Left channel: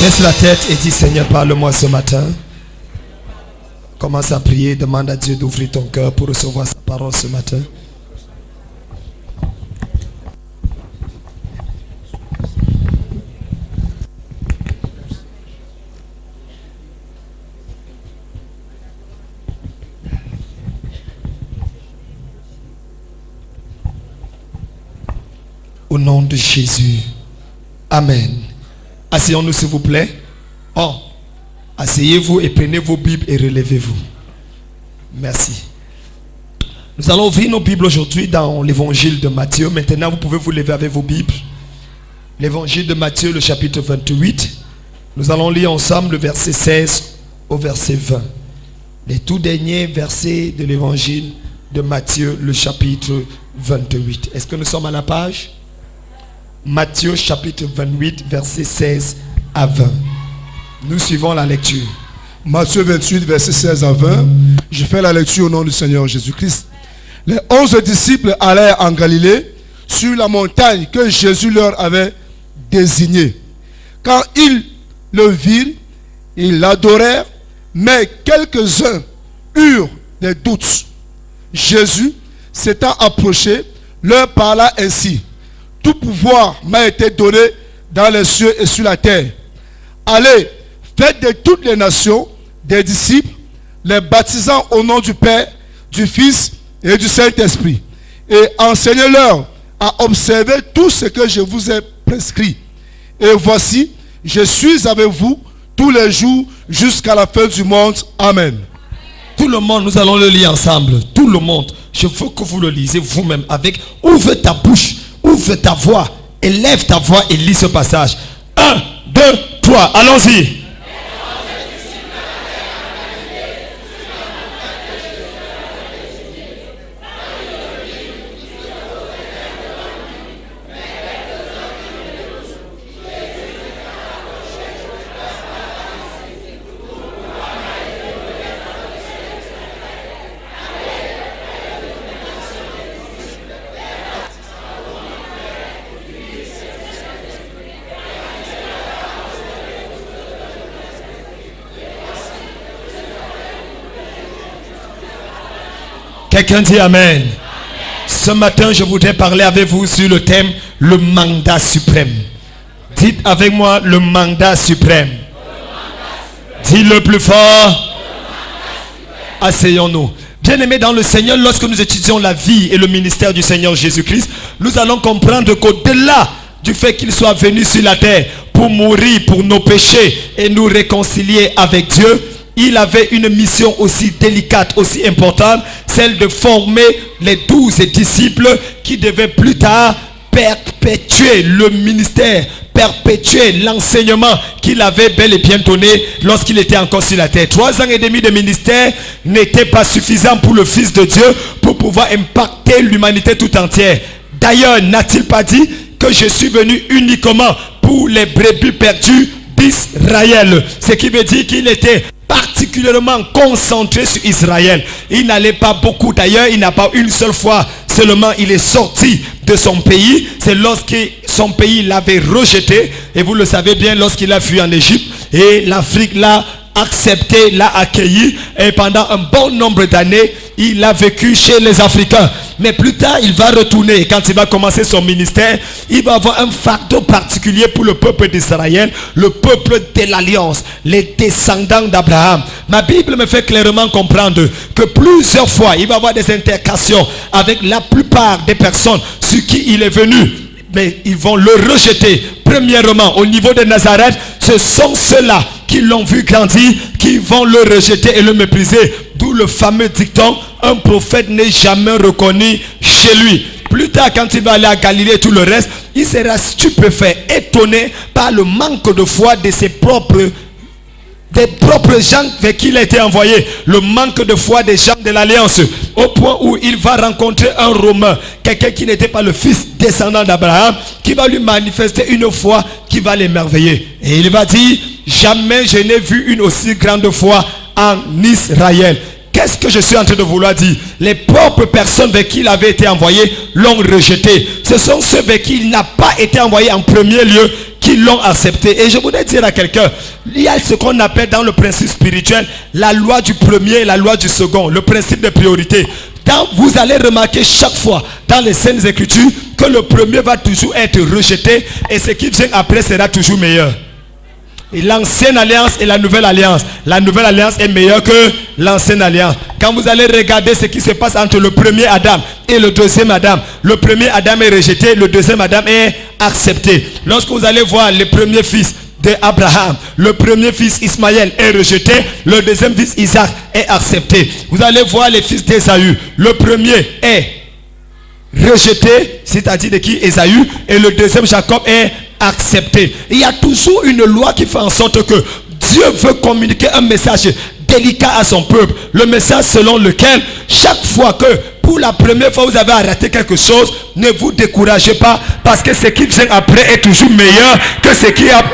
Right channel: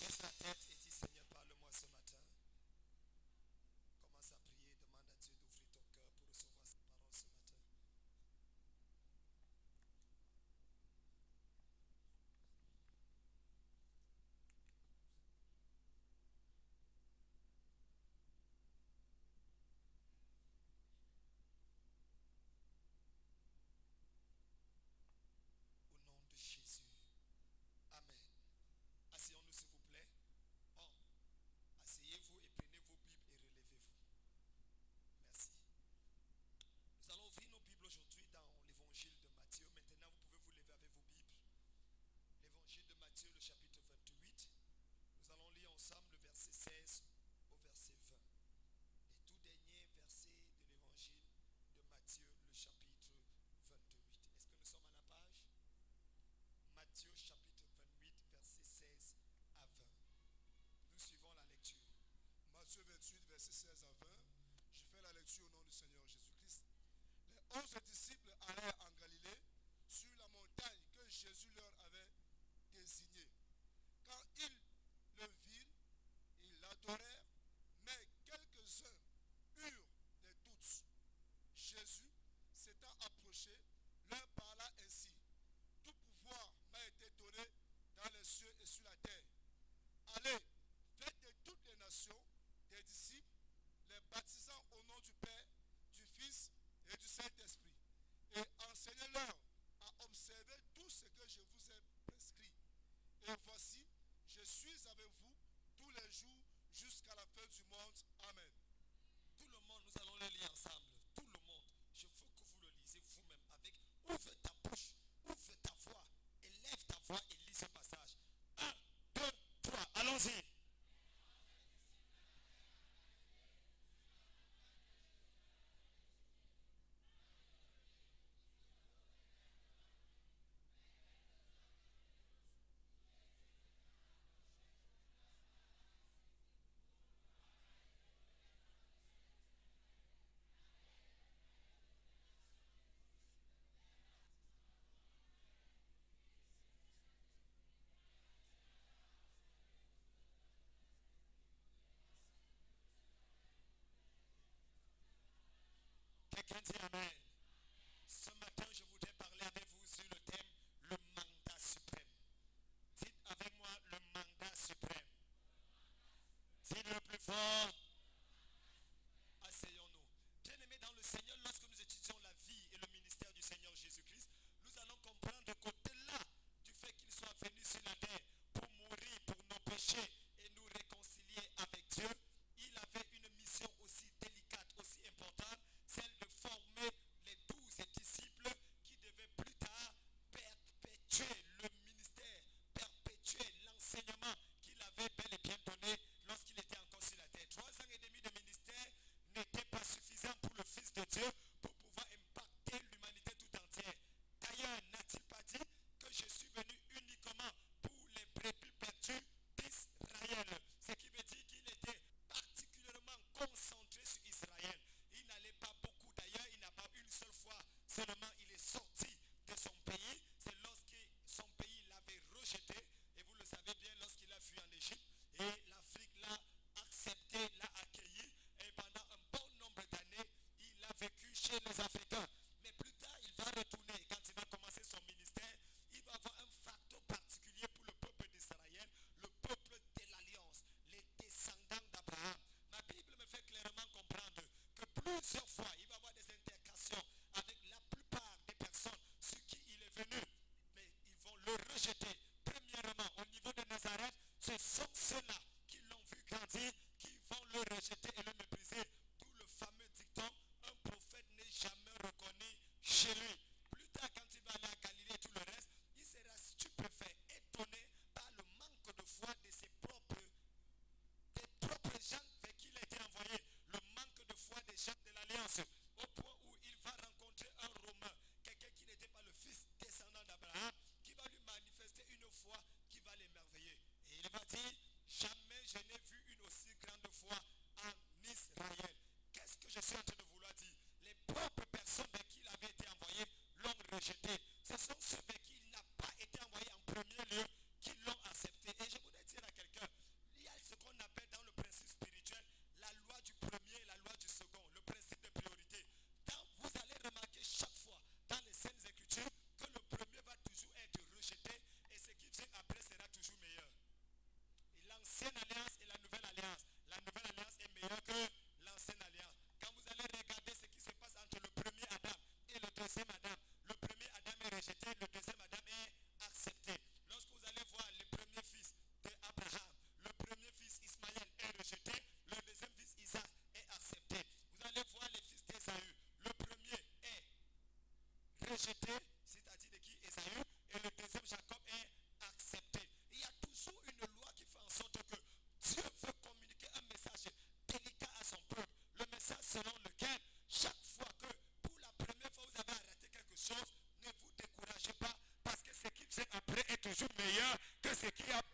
Baisse la tête et dis Seigneur, parle-moi ce matin. Commence à prier, demande à Dieu d'ouvrir ton cœur pour recevoir sa parole ce matin. Au nom de Jésus. Amen. Asseyons-nous s'il vous plaît. Oh, asseyez-vous et prenez vos Bibles et relevez-vous. Merci. Nous allons ouvrir nos Bibles aujourd'hui dans l'évangile de Matthieu. Maintenant, vous pouvez vous lever avec vos Bibles. L'évangile de Matthieu, le chapitre 28. Nous allons lire ensemble le verset 16 au verset 20. Les tout derniers versets de l'évangile de Matthieu, le chapitre 28. Est-ce que nous sommes à la page? Matthieu chapitre 28, verset 16 à 20. Nous suivons la lecture. Matthieu 28, verset 16 à 20. Je fais la lecture au nom du Seigneur Jésus-Christ. Les 11 disciples allèrent en Galilée, sur la montagne que Jésus leur avait désignée. Quand ils le virent, ils l'adorèrent, mais quelques-uns eurent des doutes. Jésus, s'étant approché, leur parla ainsi. Tout pouvoir m'a été donné dans les cieux et sur la terre. Allez, faites de toutes les nations des disciples, les baptisant au nom du Père, du Fils et du Saint-Esprit. Et enseignez-leur à observer tout ce que je vous ai prescrit. Et voici, je suis avec vous tous les jours jusqu'à la fin du monde. Amen. Tout le monde, nous allons le lire ensemble. Tout le monde. Je veux que vous le lisez vous-même avec ouvre ta bouche. Ouvre ta voix, élève ta voix et lis ce passage. 1, 2, 3, allons-y. Quelqu'un dit Amen. Ce matin, je voudrais parler avec vous sur le thème le mandat suprême. Dites avec moi le mandat suprême. Dis-le plus fort. Asseyons-nous. Bien-aimés dans le Seigneur, lorsque nous étudions la vie et le ministère du Seigneur Jésus-Christ, nous allons comprendre qu'au-delà du fait qu'il soit venu sur la terre pour mourir pour nos péchés et nous réconcilier avec Dieu, il avait une mission aussi délicate, aussi importante, celle de former les 12 disciples qui devaient plus tard perpétuer le ministère, perpétuer l'enseignement qu'il avait bel et bien donné lorsqu'il était encore sur la terre. 3 ans et demi de ministère n'était pas suffisant pour le Fils de Dieu pour pouvoir impacter l'humanité tout entière. D'ailleurs, n'a-t-il pas dit que je suis venu uniquement pour les brebis perdues d'Israël? Ce qui veut dire qu'il était particulièrement concentré sur Israël. Il n'allait pas beaucoup. D'ailleurs, il n'a pas une seule fois seulement il est sorti de son pays. C'est lorsque son pays l'avait rejeté. Et vous le savez bien, lorsqu'il a fui en Égypte. Et l'Afrique l'a accepté, l'a accueilli. Et pendant un bon nombre d'années, il a vécu chez les Africains. Mais plus tard, il va retourner. Et quand il va commencer son ministère, il va avoir un fardeau particulier pour le peuple d'Israël, le peuple de l'Alliance, les descendants d'Abraham. Ma Bible me fait clairement comprendre que plusieurs fois, il va avoir des interactions avec la plupart des personnes sur qui il est venu. Mais ils vont le rejeter. Premièrement, au niveau de Nazareth, ce sont ceux-là qui l'ont vu grandir, qui vont le rejeter et le mépriser. D'où le fameux dicton, un prophète n'est jamais reconnu chez lui. Plus tard, quand il va aller à Galilée et tout le reste, il sera stupéfait, étonné par le manque de foi de ses propres gens vers qui il a été envoyé. Le manque de foi des gens de l'Alliance. Au point où il va rencontrer un Romain, quelqu'un qui n'était pas le fils descendant d'Abraham, qui va lui manifester une foi qui va l'émerveiller. Et il va dire, jamais je n'ai vu une aussi grande foi en Israël. Qu'est-ce que je suis en train de vouloir dire? Les propres personnes vers qui il avait été envoyé l'ont rejeté. Ce sont ceux vers qui il n'a pas été envoyé en premier lieu qui l'ont accepté. Et je voudrais dire à quelqu'un, il y a ce qu'on appelle dans le principe spirituel la loi du premier et la loi du second, le principe de priorité. Vous allez remarquer chaque fois dans les Saintes Écritures que le premier va toujours être rejeté et ce qui vient après sera toujours meilleur. Et l'ancienne alliance et la nouvelle alliance est meilleure que l'ancienne alliance. Quand vous allez regarder ce qui se passe entre le premier Adam et le deuxième Adam, le premier Adam est rejeté, le deuxième Adam est accepté. Lorsque vous allez voir le premier fils d'Abraham, le premier fils Ismaël est rejeté, le deuxième fils Isaac est accepté. Vous allez voir les fils d'Ésaü, le premier est rejeté, c'est-à-dire de qui? Ésaü, et le deuxième Jacob est accepté. Il y a toujours une loi qui fait en sorte que Dieu veut communiquer un message délicat à son peuple. Le message selon lequel chaque fois que pour la première fois vous avez raté quelque chose, ne vous découragez pas parce que ce qui vient après est toujours meilleur que ce qui a...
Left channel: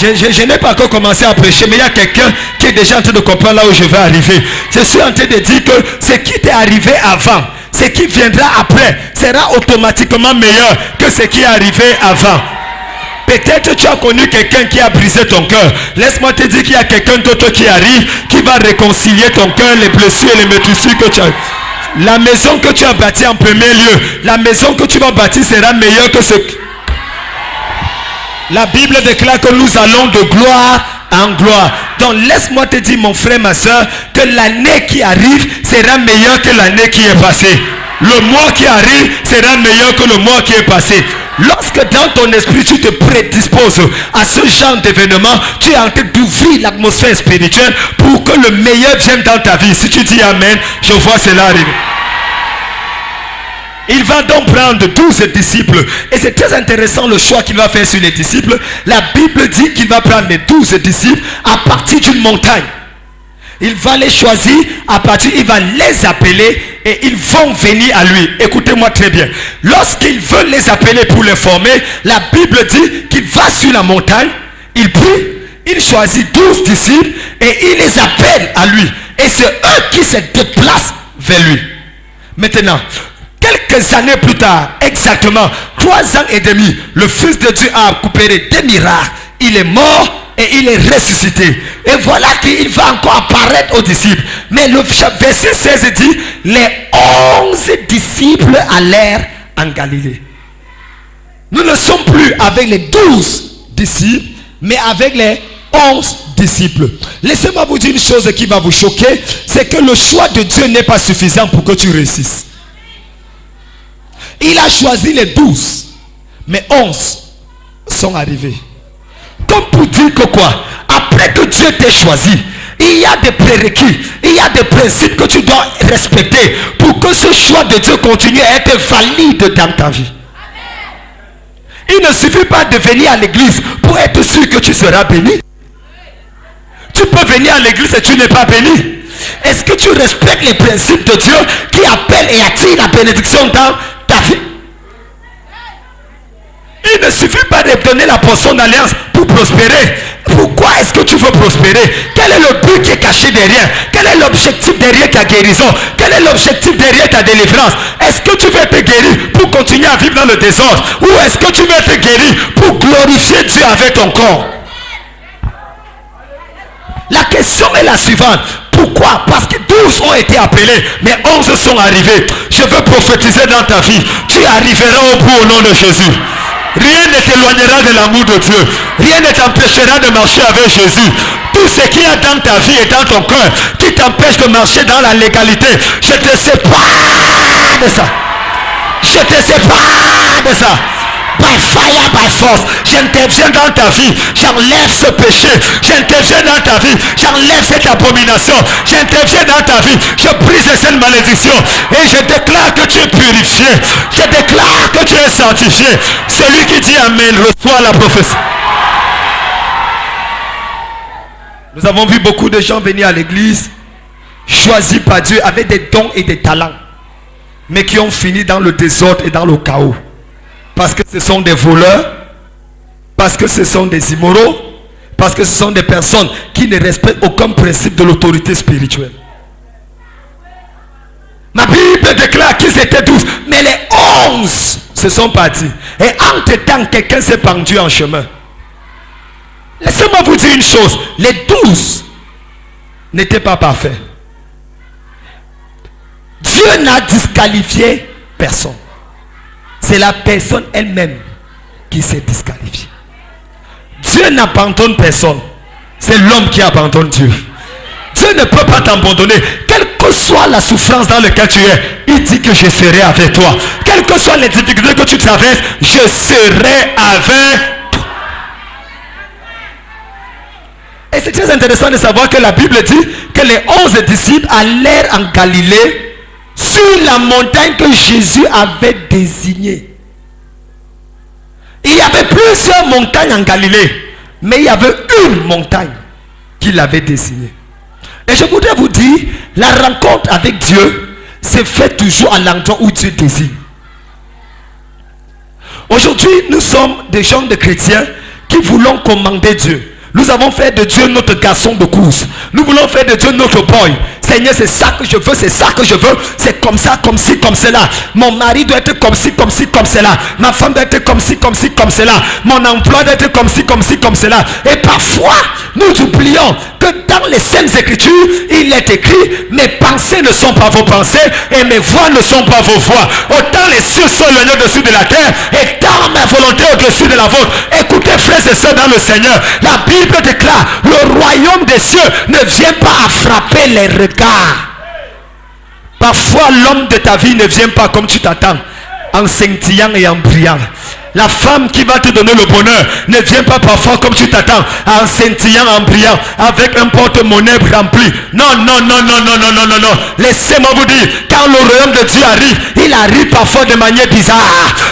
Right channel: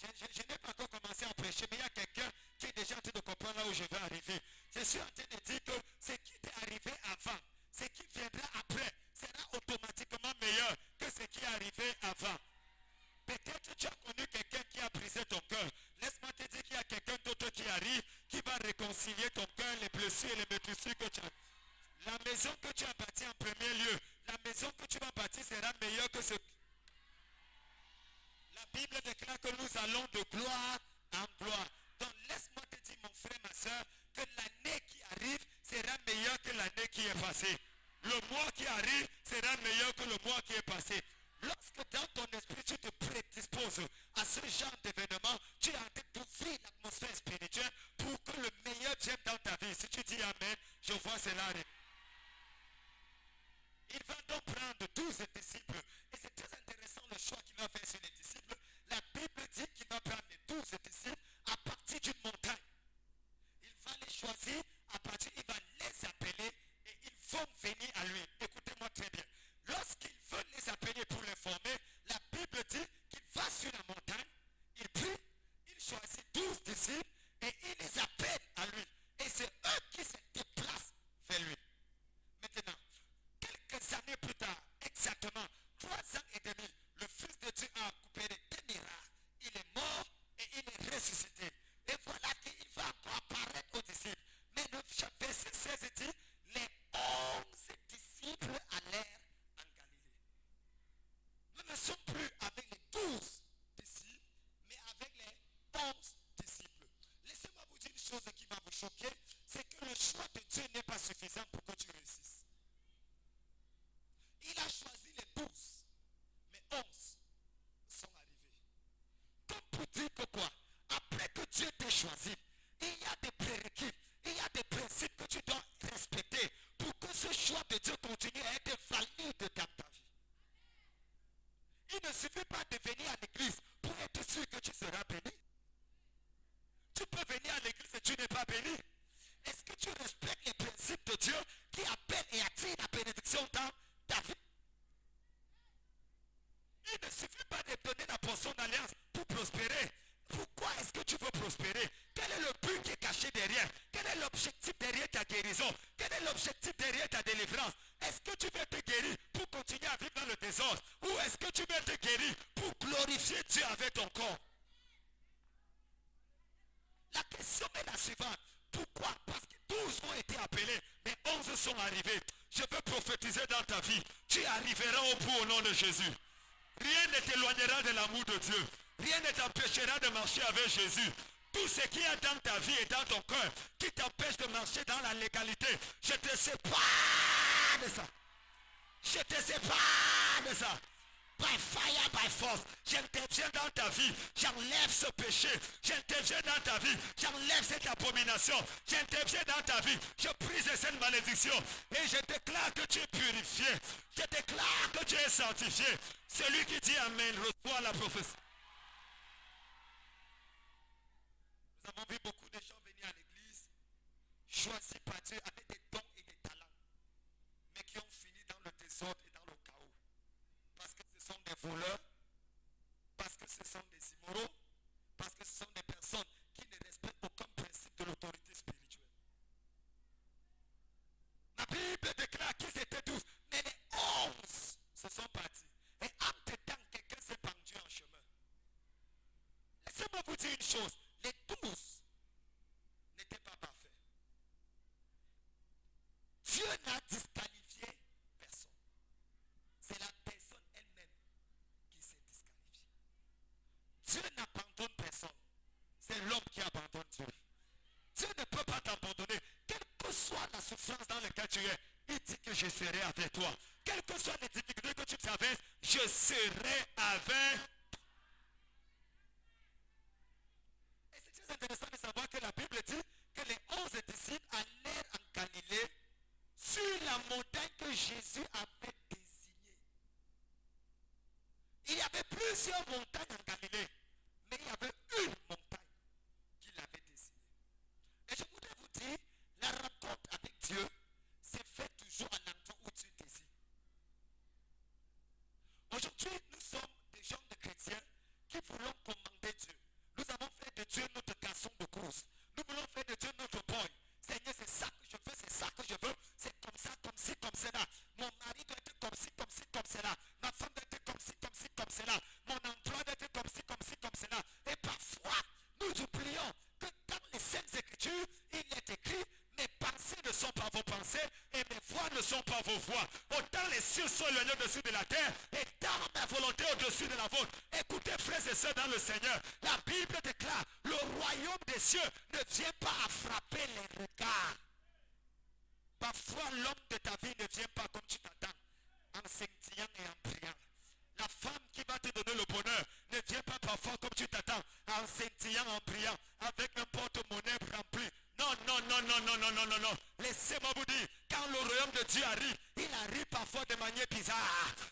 Je n'ai pas encore commencé à prêcher, mais il y a quelqu'un qui est déjà en train de comprendre là où je vais arriver. Je suis en train de dire que ce qui t'est arrivé avant, ce qui viendra après, sera automatiquement meilleur que ce qui est arrivé avant. Peut-être tu as connu quelqu'un qui a brisé ton cœur. Laisse-moi te dire qu'il y a quelqu'un d'autre qui arrive, qui va réconcilier ton cœur, les blessures et les meurtrissures que tu as. La maison que tu as bâtie en premier lieu, la maison que tu vas bâtir sera meilleure que ce... La Bible déclare que nous allons de gloire en gloire. Donc laisse-moi te dire, mon frère, ma soeur, que l'année qui arrive sera meilleure que l'année qui est passée. Le mois qui arrive sera meilleur que le mois qui est passé. Lorsque dans ton esprit tu te prédisposes à ce genre d'événement, tu es en train d'ouvrir l'atmosphère spirituelle pour que le meilleur vienne dans ta vie. Si tu dis Amen, je vois cela arriver. Il va donc prendre 12 disciples. Et c'est très intéressant le choix qu'il va faire sur les disciples. La Bible dit qu'il va prendre les 12 disciples à partir d'une montagne. Il va les choisir à partir, il va les appeler et ils vont venir à lui. Écoutez-moi très bien. Lorsqu'il veut les appeler pour les former, la Bible dit qu'il va sur la montagne, il prie, il choisit 12 disciples et il les appelle à lui. Et c'est eux qui se déplacent vers lui. Maintenant, quelques années plus tard, exactement 3 ans et demi, le Fils de Dieu a coopéré des miracles. Il est mort et il est ressuscité. Et voilà qu'il va encore apparaître aux disciples. Mais le verset 16 dit, les 11 disciples allèrent en Galilée. Nous ne sommes plus avec les 12 disciples, mais avec les 11 disciples. Laissez-moi vous dire une chose qui va vous choquer, c'est que le choix de Dieu n'est pas suffisant pour que tu réussisses. Il a choisi les 12, mais 11 sont arrivés. Comme pour dire que quoi? Après que Dieu t'ait choisi, il y a des prérequis, il y a des principes que tu dois respecter pour que ce choix de Dieu continue à être valide dans ta vie. Il ne suffit pas de venir à l'église pour être sûr que tu seras béni. Tu peux venir à l'église et tu n'es pas béni. Est-ce que tu respectes les principes de Dieu qui appellent et attirent la bénédiction dans ta vie? Il ne suffit pas de donner la portion d'alliance pour prospérer. Pourquoi est-ce que tu veux prospérer? Quel est le but qui est caché derrière? Quel est l'objectif derrière ta guérison? Quel est l'objectif derrière ta délivrance? Est-ce que tu veux être guéri pour continuer à vivre dans le désordre? Ou est-ce que tu veux être guéri pour glorifier Dieu avec ton corps? La question est la suivante. Pourquoi? Parce que 12 ont été appelés, mais 11 sont arrivés. Je veux prophétiser dans ta vie. Tu arriveras au bout au nom de Jésus. Rien ne t'éloignera de l'amour de Dieu. Rien ne t'empêchera de marcher avec Jésus. Tout ce qu'il y a dans ta vie et dans ton cœur qui t'empêche de marcher dans la légalité, je te sépare de ça. Je te sépare de ça. By fire, by force, j'interviens dans ta vie, j'enlève ce péché, j'interviens dans ta vie, j'enlève cette abomination, j'interviens dans ta vie, je brise cette malédiction et je déclare que tu es purifié, je déclare que tu es sanctifié. Celui qui dit Amen reçoit la prophétie. Nous avons vu beaucoup de gens venir à l'église, choisis par Dieu avec des dons et des talents, mais qui ont fini dans le désordre et dans le chaos. Parce que ce sont des voleurs, parce que ce sont des immoraux, Parce que ce sont des personnes qui ne respectent aucun principe de l'autorité spirituelle. Ma Bible déclare qu'ils étaient 12, mais les 11 se sont partis. Et entre-temps, quelqu'un s'est pendu en chemin. Laissez-moi vous dire une chose, les 12 n'étaient pas parfaits. Dieu n'a disqualifié personne. C'est la personne elle-même qui s'est disqualifiée. Dieu n'abandonne personne. C'est l'homme qui abandonne Dieu. Dieu ne peut pas t'abandonner. Quelle que soit la souffrance dans laquelle tu es, il dit que je serai avec toi. Quelles que soient les difficultés que tu traverses, je serai avec toi. Et c'est très intéressant de savoir que la Bible dit que les 11 disciples allèrent en Galilée sur la montagne que Jésus avait désignée. Il y avait plusieurs montagnes en Galilée, mais il y avait une montagne qu'il avait désignée. Et je voudrais vous dire, la rencontre avec Dieu se fait toujours à l'endroit où Dieu désigne. Aujourd'hui, nous sommes des gens de chrétiens qui voulons commander Dieu. Nous avons fait de Dieu notre garçon de course. Nous voulons faire de Dieu notre boy. Seigneur, c'est ça que je veux, c'est ça que je veux. C'est comme ça, comme ci, comme cela. Mon mari doit être comme ci, comme ci, comme cela. Ma femme doit être comme ci, comme ci, comme cela. Mon emploi doit être comme ci, comme ci, comme cela. Et parfois, nous oublions que dans les Saintes Écritures, il est écrit: mes pensées ne sont pas vos pensées et mes voix ne sont pas vos voix. Autant les cieux sont éloignés au-dessus de la terre et tant ma volonté au-dessus de la vôtre. Écoutez, frères et sœurs dans le Seigneur, la Bible déclare: le royaume des cieux ne vient pas à frapper les regards. Parfois l'homme de ta vie ne vient pas comme tu t'attends, en scintillant et en brillant. La femme qui va te donner le bonheur ne vient pas parfois comme tu t'attends, en scintillant, en brillant, avec un porte-monnaie rempli. Non, non, non, non, non, non, non, non, non. Laissez-moi vous dire, quand le royaume de Dieu arrive, il arrive parfois de manière bizarre.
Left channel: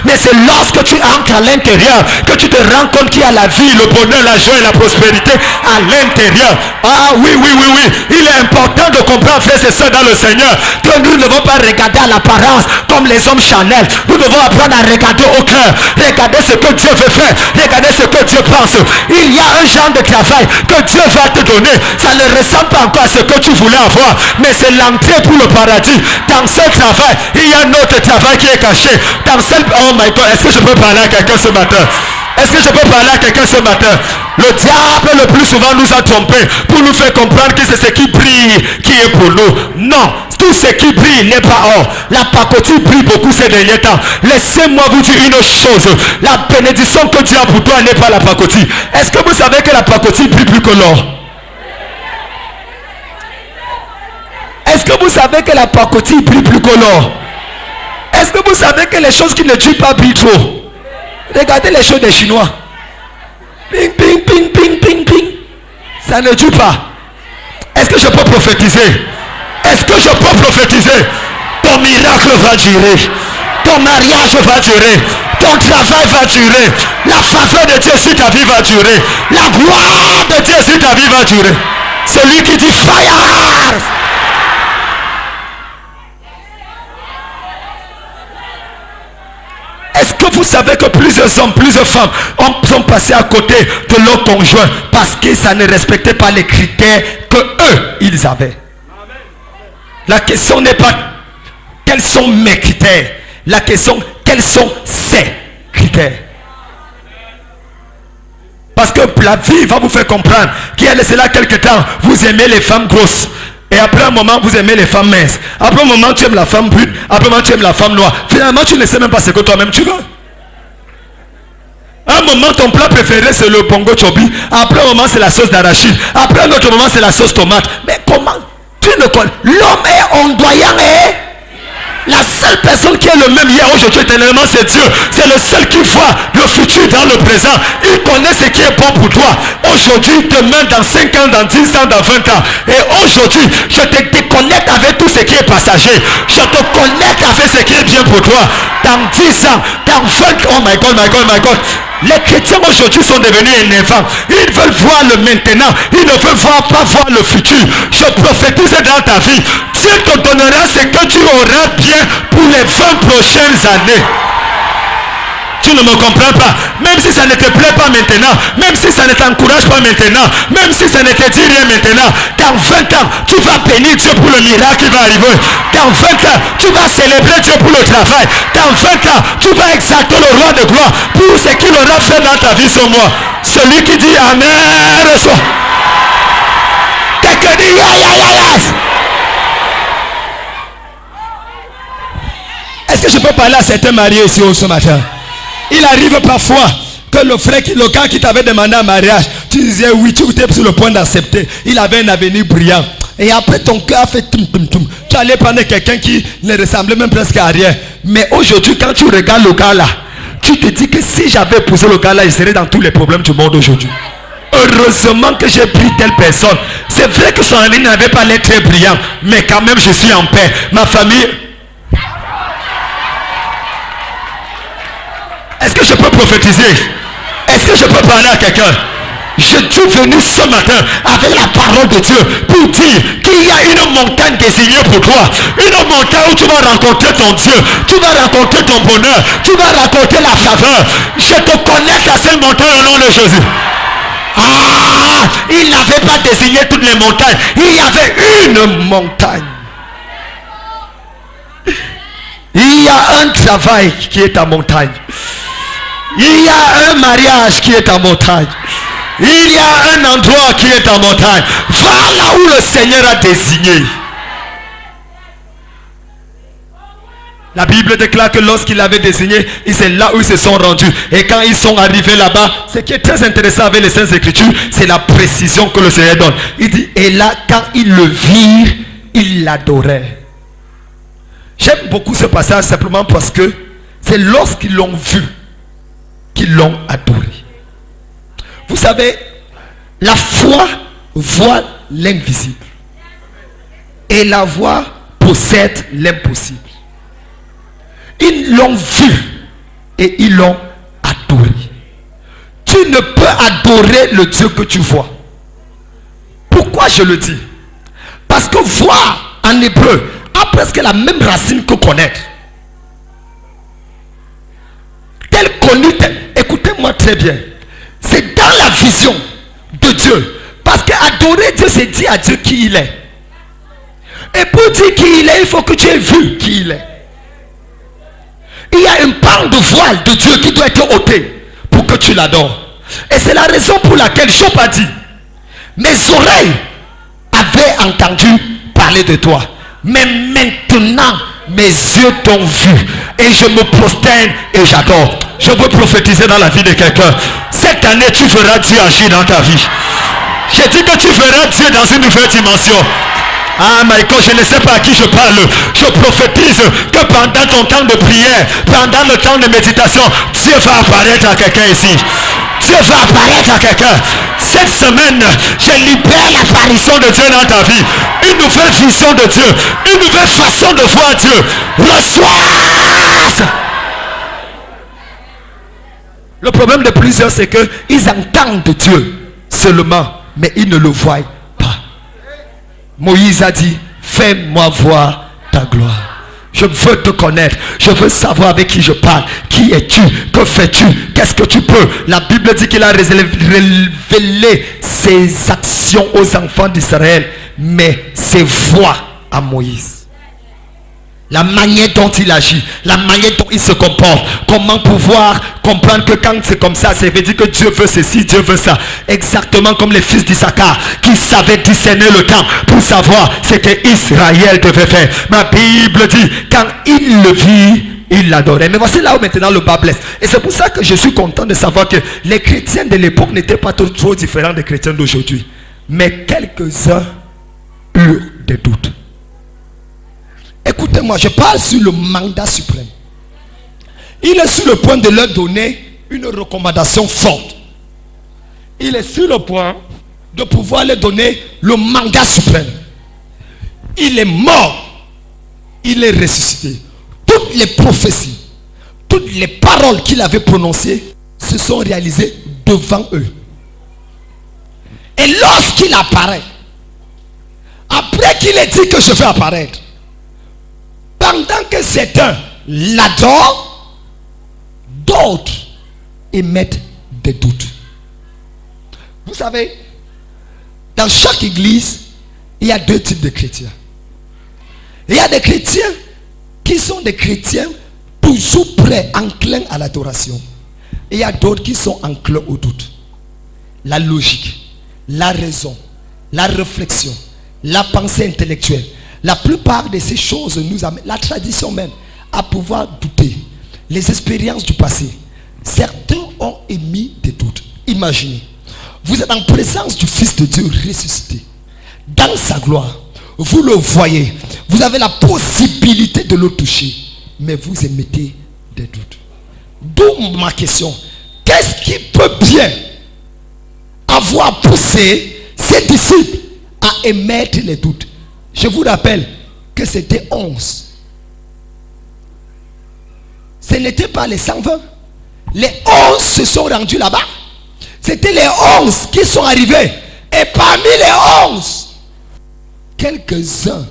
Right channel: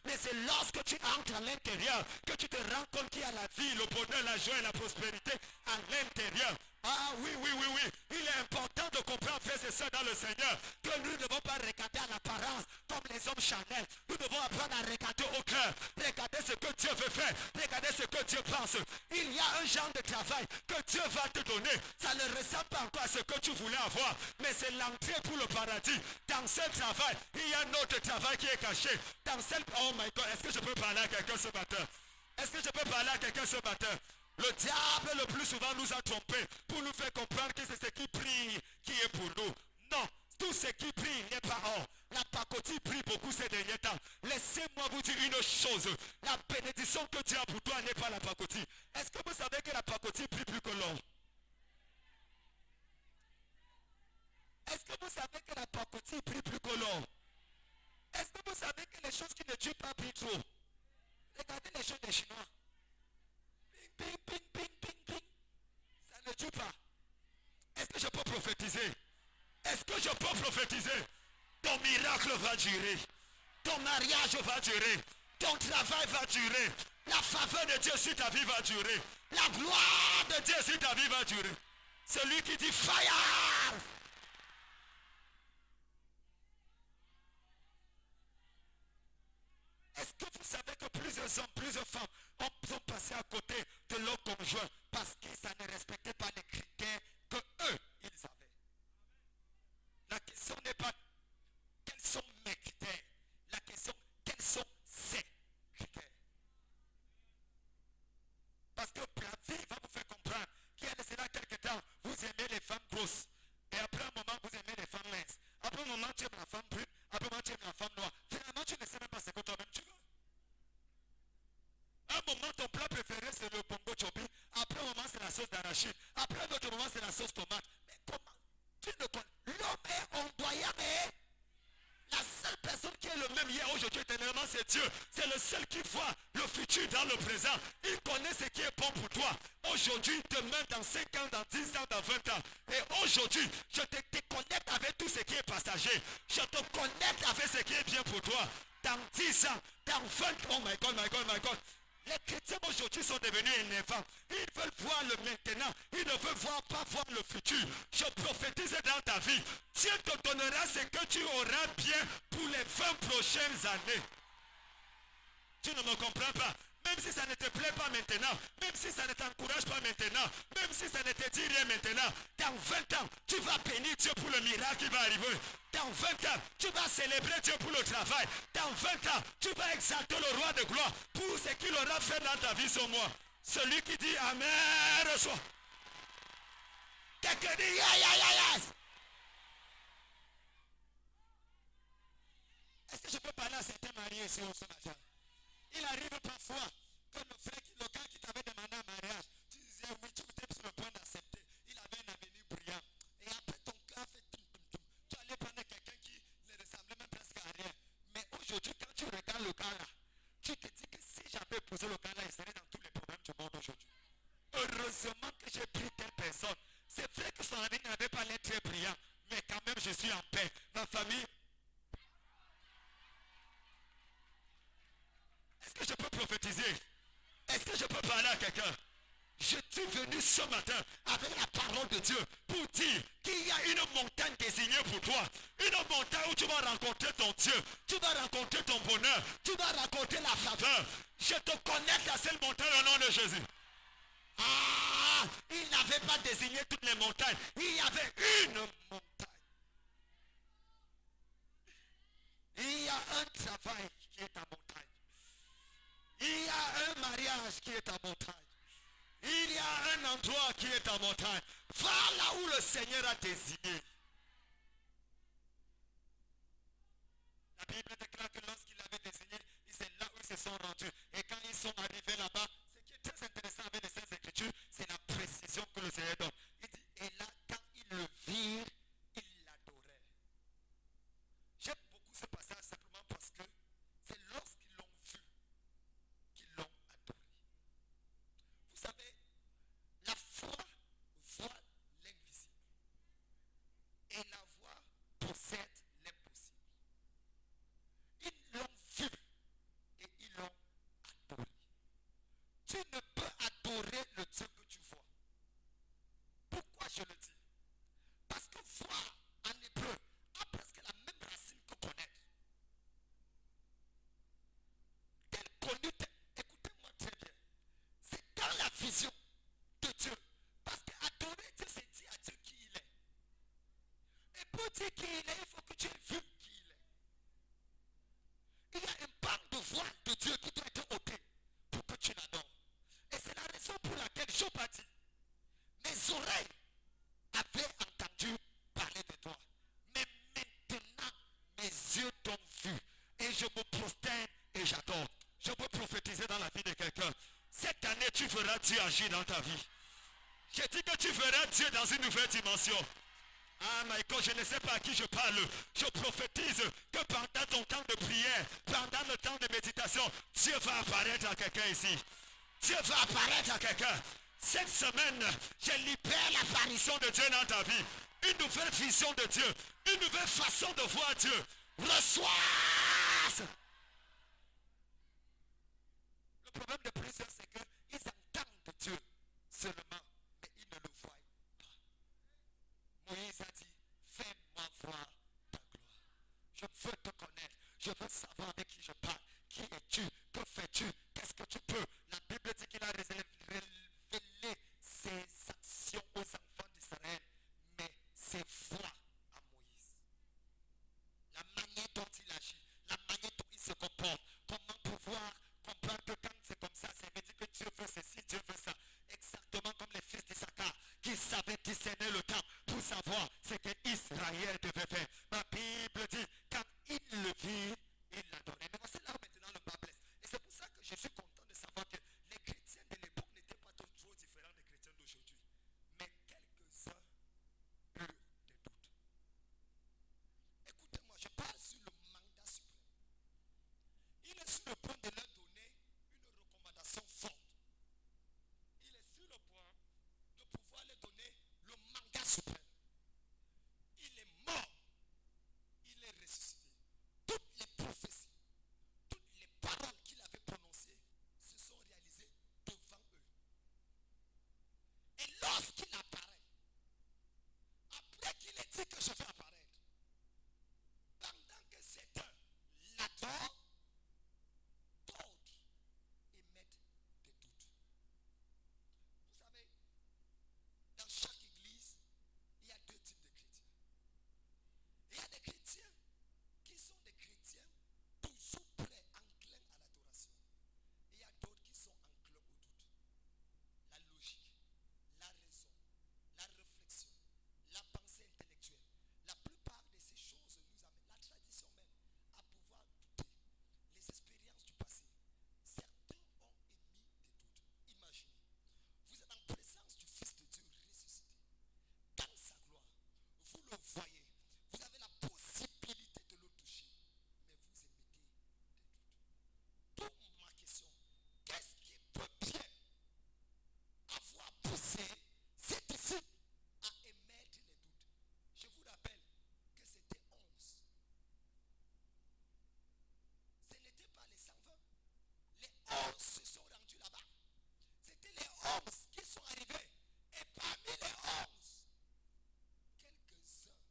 Mais c'est lorsque tu entres à l'intérieur que tu te rends compte qu'il y a la vie, le bonheur, la joie et la prospérité à l'intérieur. Ah oui, oui, oui, oui. Il est important de comprendre, frères et sœurs, dans le Seigneur, que nous ne devons pas regarder à l'apparence comme les hommes charnels. Nous devons apprendre à regarder au cœur. Regardez ce que Dieu veut faire. Regardez ce que Dieu pense. Il y a un genre de travail que Dieu va te donner. Ça ne ressemble pas encore à ce que tu voulais avoir, mais c'est l'entrée pour le paradis. Dans ce travail, il y a un autre travail qui est caché. Dans ce... Oh my God, est-ce que je peux parler à quelqu'un ce matin? Est-ce que je peux parler à quelqu'un ce matin? Le diable le plus souvent nous a trompés pour nous faire comprendre que c'est ce qui brille qui est pour nous. Non, tout ce qui brille n'est pas or. La pacotille brille beaucoup ces derniers temps. Laissez-moi vous dire une chose. La bénédiction que Dieu a pour toi n'est pas la pacotille. Est-ce que vous savez que la pacotille brille plus que l'or? Est-ce que vous savez que la pacotille brille plus que l'or? Est-ce que vous savez que les choses qui ne brillent pas brillent trop? Regardez les choses des Chinois. Ping, ping, ping, ping, ping, ping. Ça ne dure pas. Est-ce que je peux prophétiser? Est-ce que je peux prophétiser? Ton miracle va durer. Ton mariage va durer. Ton travail va durer. La faveur de Dieu sur ta vie va durer. La gloire de Dieu sur ta vie va durer. Celui qui dit fire. Est-ce que vous savez que plusieurs hommes, plusieurs femmes sont passés à côté de leur conjoint parce que ça ne respectait pas les critères que eux, ils avaient? La question n'est pas quels sont mes critères. La question, quels sont ses critères. Parce que la vie va vous faire comprendre qu'il y a laissé là quelque temps, vous aimez les femmes grosses. Et après un moment, vous aimez les femmes minces. Après un moment, tu aimes la femme brune. Après un moment, tu aimes la femme noire. Finalement, tu ne sais même pas ce que toi-même tu veux. Un moment, ton plat préféré, c'est le bongo chobi. Après un moment, c'est la sauce d'arachide. Après un autre moment, c'est la sauce tomate. Mais comment? Tu ne connais. L'homme est ondoyant et... La seule personne qui est le même hier, aujourd'hui, éternellement, c'est Dieu. C'est le seul qui voit le futur dans le présent. Il connaît ce qui est bon pour toi. Aujourd'hui, demain, dans 5 ans, dans 10 ans, dans 20 ans. Et aujourd'hui, je te déconnecte avec tout ce qui est passager. Je te connecte avec ce qui est bien pour toi. Dans 10 ans, dans 20 ans, oh my God, my God, my God. Les chrétiens aujourd'hui sont devenus énervants. Ils veulent voir le maintenant. Ils ne veulent pas voir le futur. Je prophétise dans ta vie. Dieu te donnera ce que tu auras bien pour les 20 prochaines années. tu ne me comprends pas. Même si ça ne te plaît pas maintenant, même si ça ne t'encourage pas maintenant, même si ça ne te dit rien maintenant, dans 20 ans, tu vas bénir Dieu pour le miracle qui va arriver. Dans 20 ans, tu vas célébrer Dieu pour le travail. Dans 20 ans, tu vas exalter le roi de gloire pour ce qu'il aura fait dans ta vie sur moi. Celui qui dit Amen, reçoit. Quelqu'un dit yes. Est-ce que je peux parler à certains mariés ici ce matin? Il arrive parfois que le gars qui t'avait demandé un mariage, tu disais oui, tu étais sur le point d'accepter. Il avait un avenir brillant. Et après ton cœur a fait tum tum tum. Tu allais prendre quelqu'un qui ne ressemblait même presque à rien. Mais aujourd'hui, quand tu regardes le gars là, tu te dis que si j'avais épousé le gars là, il serait dans tous les problèmes du monde aujourd'hui. Heureusement que j'ai pris telle personne. C'est vrai que son avenir n'avait pas l'air très brillant, mais quand même je suis en paix. Ma famille... Est-ce que je peux prophétiser? Est-ce que je peux parler à quelqu'un? Je suis venu ce matin avec la parole de Dieu pour dire qu'il y a une montagne désignée pour toi. Une montagne où tu vas rencontrer ton Dieu. Tu vas rencontrer ton bonheur. Tu vas rencontrer la faveur. Je te connecte à cette montagne au nom de Jésus. Ah, il n'avait pas désigné toutes les montagnes. Il y avait une montagne. Il y a un travail qui est en montagne. Il y a un mariage qui est en montagne. Il y a un endroit qui est en montagne. Va là où le Seigneur a désigné. La Bible déclare que lorsqu'il avait désigné, c'est là où ils se sont rendus. Et quand ils sont arrivés là-bas, ce qui est très intéressant avec les Saintes Écritures, c'est la précision que le Seigneur donne. Il dit, et là, quand ils le virent, ils l'adoraient. J'aime beaucoup ce passage simplement parce que c'est lorsqu'ils l'ont vu qu'ils l'ont adoré. Vous savez, la foi voit l'invisible. Et la foi possède l'impossible. Ils l'ont vu et ils l'ont adoré. Tu ne peux adorer le Dieu que tu vois. Pourquoi je le dis? Parce que voir en hébreu a presque la même racine que connaître. Tel connu, tel. Écoutez-moi très bien. C'est dans la vision de Dieu. Parce qu'adorer Dieu, c'est dire à Dieu qui il est. Et pour dire qui il est, il faut que tu aies vu qui il est. Il y a une part de voile de Dieu qui doit être ôtée pour que tu l'adores. Et c'est la raison pour laquelle Job a dit, mes oreilles avaient entendu parler de toi. Mais maintenant, mes yeux t'ont vu. Et je me prosterne et j'adore. Je veux prophétiser dans la vie de quelqu'un. Cette année, tu verras Dieu agir dans ta vie. J'ai dit que tu verras Dieu dans une nouvelle dimension. Ah, Michael, je ne sais pas à qui je parle. Je prophétise que pendant ton temps de prière, pendant le temps de méditation, Dieu va apparaître à quelqu'un ici. Dieu va apparaître à quelqu'un. Cette semaine, je libère l'apparition de Dieu dans ta vie. Une nouvelle vision de Dieu. Une nouvelle façon de voir Dieu. Reçois. Le problème de plusieurs, c'est qu'ils entendent Dieu seulement, mais ils ne le voient pas. Moïse a dit, fais-moi voir ta gloire. Je veux te connaître. Je veux savoir avec qui je parle. Qui es-tu? Que fais-tu? Qu'est-ce que tu peux? La Bible dit qu'il a révélé ses actions aux enfants d'Israël, mais ses voix à Moïse. La manière dont il agit, la manière dont il se comporte. Comment pouvoir comprendre que quand c'est comme ça, ça veut dire que Dieu veut ceci, Dieu veut ça. Exactement comme les fils d'Issachar qui savaient discerner le temps pour savoir ce que Israël devait faire. Ma Bible dit, quand il le vit, il l'adorait. Mais voici là où maintenant le bas blesse. Et c'est pour ça que je suis content de savoir que les chrétiens de l'époque n'étaient pas trop différents des chrétiens d'aujourd'hui. Mais quelques-uns eurent des doutes. Écoutez-moi, je parle sur le mandat suprême. Il est sur le point de leur donner une recommandation forte. Il est sur le point de pouvoir leur donner le mandat suprême. Il est mort. Il est ressuscité. Toutes les prophéties, toutes les paroles qu'il avait prononcées se sont réalisées devant eux. Et lorsqu'il apparaît, après qu'il ait dit que je vais apparaître, pendant que certains l'adorent, d'autres d'autres émettent des doutes. Vous savez, dans chaque église, il y a deux types de chrétiens. Il y a des chrétiens qui sont des chrétiens toujours prêts, enclins à l'adoration. Et il y a d'autres qui sont enclins au doute. La logique, la raison, la réflexion, la pensée intellectuelle. La plupart de ces choses nous amènent, la tradition même, à pouvoir douter. Les expériences du passé. Certains ont émis des doutes. Imaginez, vous êtes en présence du Fils de Dieu ressuscité. Dans sa gloire, vous le voyez. Vous avez la possibilité de le toucher. Mais vous émettez des doutes. D'où ma question. Qu'est-ce qui peut bien avoir poussé ses disciples à émettre les doutes? Je vous rappelle que c'était 11. Ce n'était pas les 120. Les 11 se sont rendus là-bas. C'était les 11 qui sont arrivés. Et parmi les 11, quelques-uns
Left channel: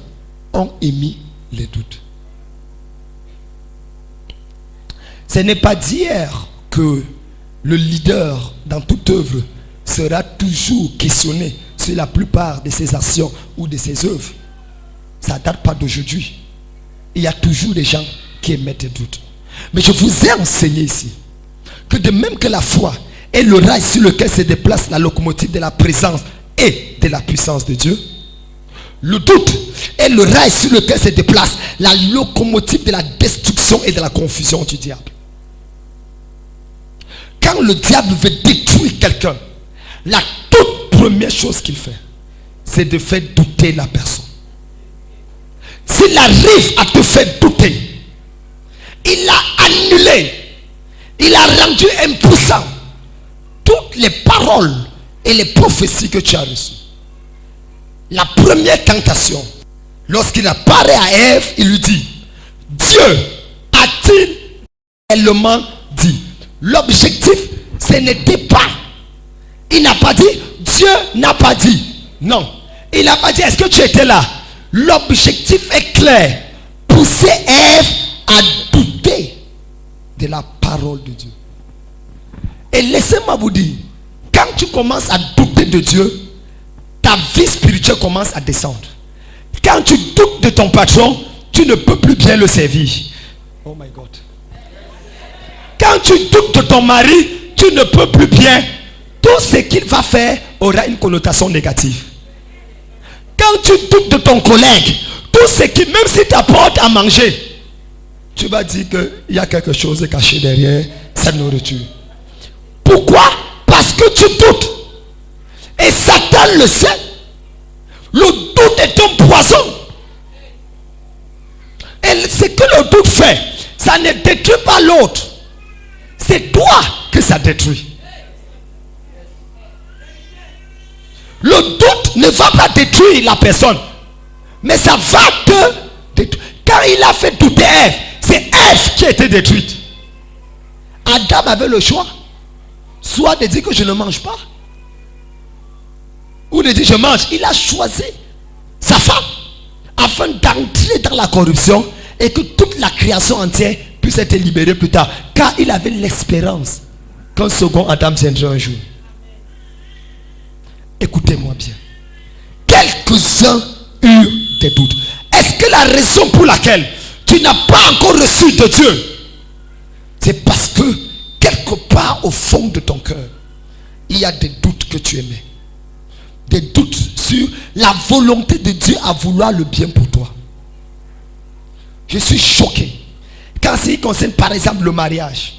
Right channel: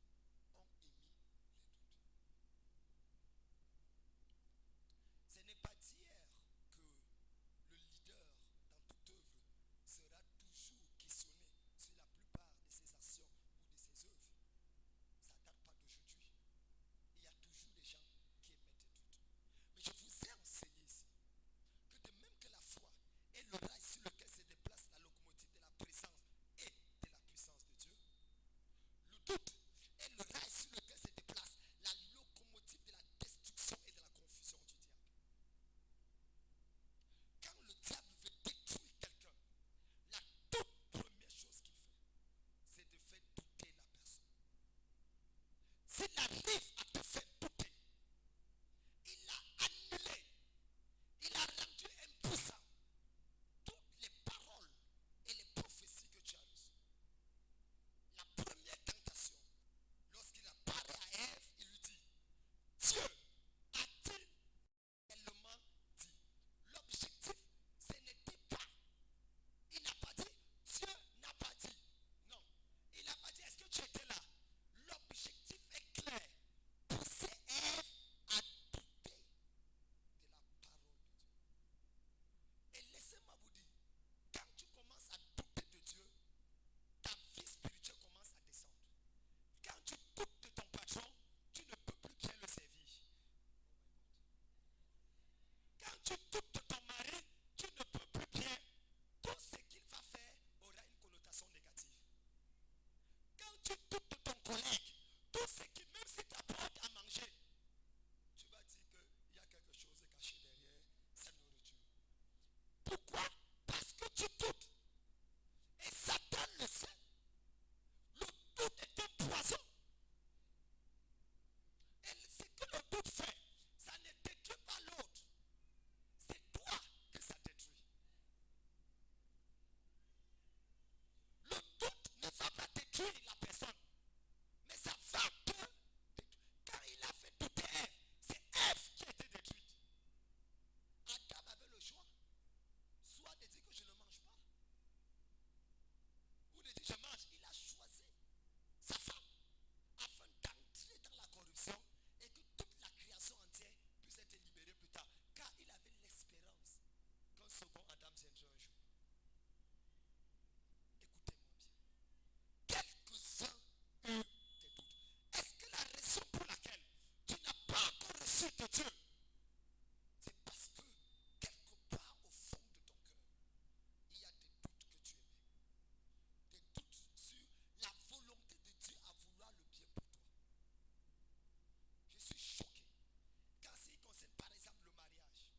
ont émis les doutes. Ce n'est pas d'hier que le leader dans toute œuvre sera toujours questionné sur la plupart de ses actions ou de ses œuvres. Ça ne date pas d'aujourd'hui. Il y a toujours des gens qui émettent des doutes. Mais je vous ai enseigné ici que de même que la foi est le rail sur lequel se déplace la locomotive de la présence et de la puissance de Dieu, le doute est le rail sur lequel se déplace la locomotive de la destruction et de la confusion du diable. Quand le diable veut détruire quelqu'un, la toute première chose qu'il fait, c'est de faire douter la personne. S'il arrive à te faire douter, il a annulé, il a rendu impuissant toutes les paroles et les prophéties que tu as reçues. La première tentation, lorsqu'il apparaît à Ève, il lui dit, Dieu a-t-il réellement dit? L'objectif, ce n'était pas, il n'a pas dit, Dieu n'a pas dit. Non, il n'a pas dit, est-ce que tu étais là? L'objectif est clair, pousser Ève à douter de la parole de Dieu. Et laissez-moi vous dire, quand tu commences à douter de Dieu, ta vie spirituelle commence à descendre. Quand tu doutes de ton patron, tu ne peux plus bien le servir. Oh my God. Quand tu doutes de ton mari, tu ne peux plus bien. Tout ce qu'il va faire aura une connotation négative. Quand tu doutes de ton collègue, tout ce qui, même si tu apportes à manger, tu vas dire qu'il y a quelque chose de caché derrière cette nourriture. Pourquoi? Parce que tu doutes. Et Satan le sait. Le doute est un poison. Et ce que le doute fait, ça ne détruit pas l'autre. C'est toi que ça détruit. Le doute ne va pas détruire la personne, mais ça va te détruire. Quand il a fait douter Ève, c'est Ève qui a été détruite. Adam avait le choix, soit de dire que je ne mange pas, ou de dire je mange. Il a choisi sa femme afin d'entrer dans la corruption et que toute la création entière puisse être libérée plus tard, car il avait l'espérance qu'un second Adam viendrait un jour. Écoutez-moi bien. Quelques-uns eurent des doutes. Est-ce que la raison pour laquelle tu n'as pas encore reçu de Dieu, c'est parce que quelque part au fond de ton cœur, il y a des doutes que tu émets. Des doutes sur la volonté de Dieu à vouloir le bien pour toi. Je suis choqué. Quand il concerne par exemple le mariage,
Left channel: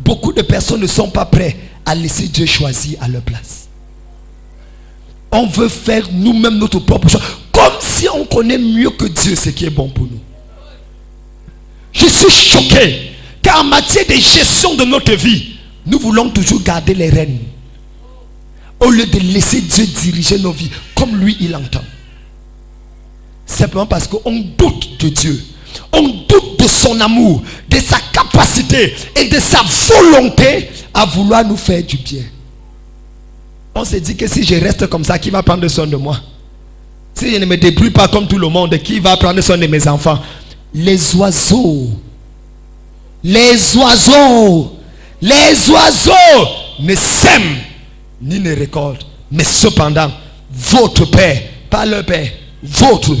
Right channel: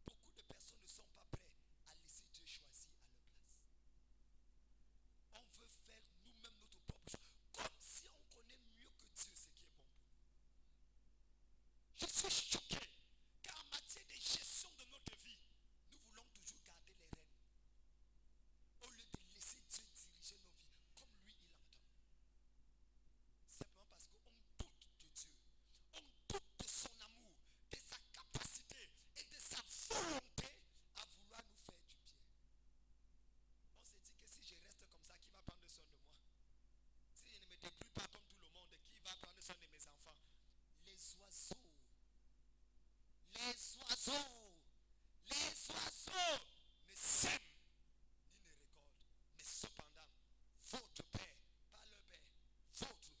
beaucoup de personnes ne sont pas prêtes à laisser Dieu choisir à leur place. On veut faire nous-mêmes notre propre choix, comme si on connaît mieux que Dieu ce qui est bon pour nous. Je suis choqué car en matière de gestion de notre vie, nous voulons toujours garder les rênes au lieu de laisser Dieu diriger nos vies comme lui il entend. Simplement parce qu'on doute de Dieu, on doute de son amour, de sa capacité et de sa volonté à vouloir nous faire du bien. On se dit que si je reste comme ça, qui va prendre soin de moi? Si je ne me débrouille pas comme tout le monde, qui va prendre soin de mes enfants? Les oiseaux Les oiseaux ne sèment ni ne récoltent. Mais cependant, votre Père, pas leur Père, votre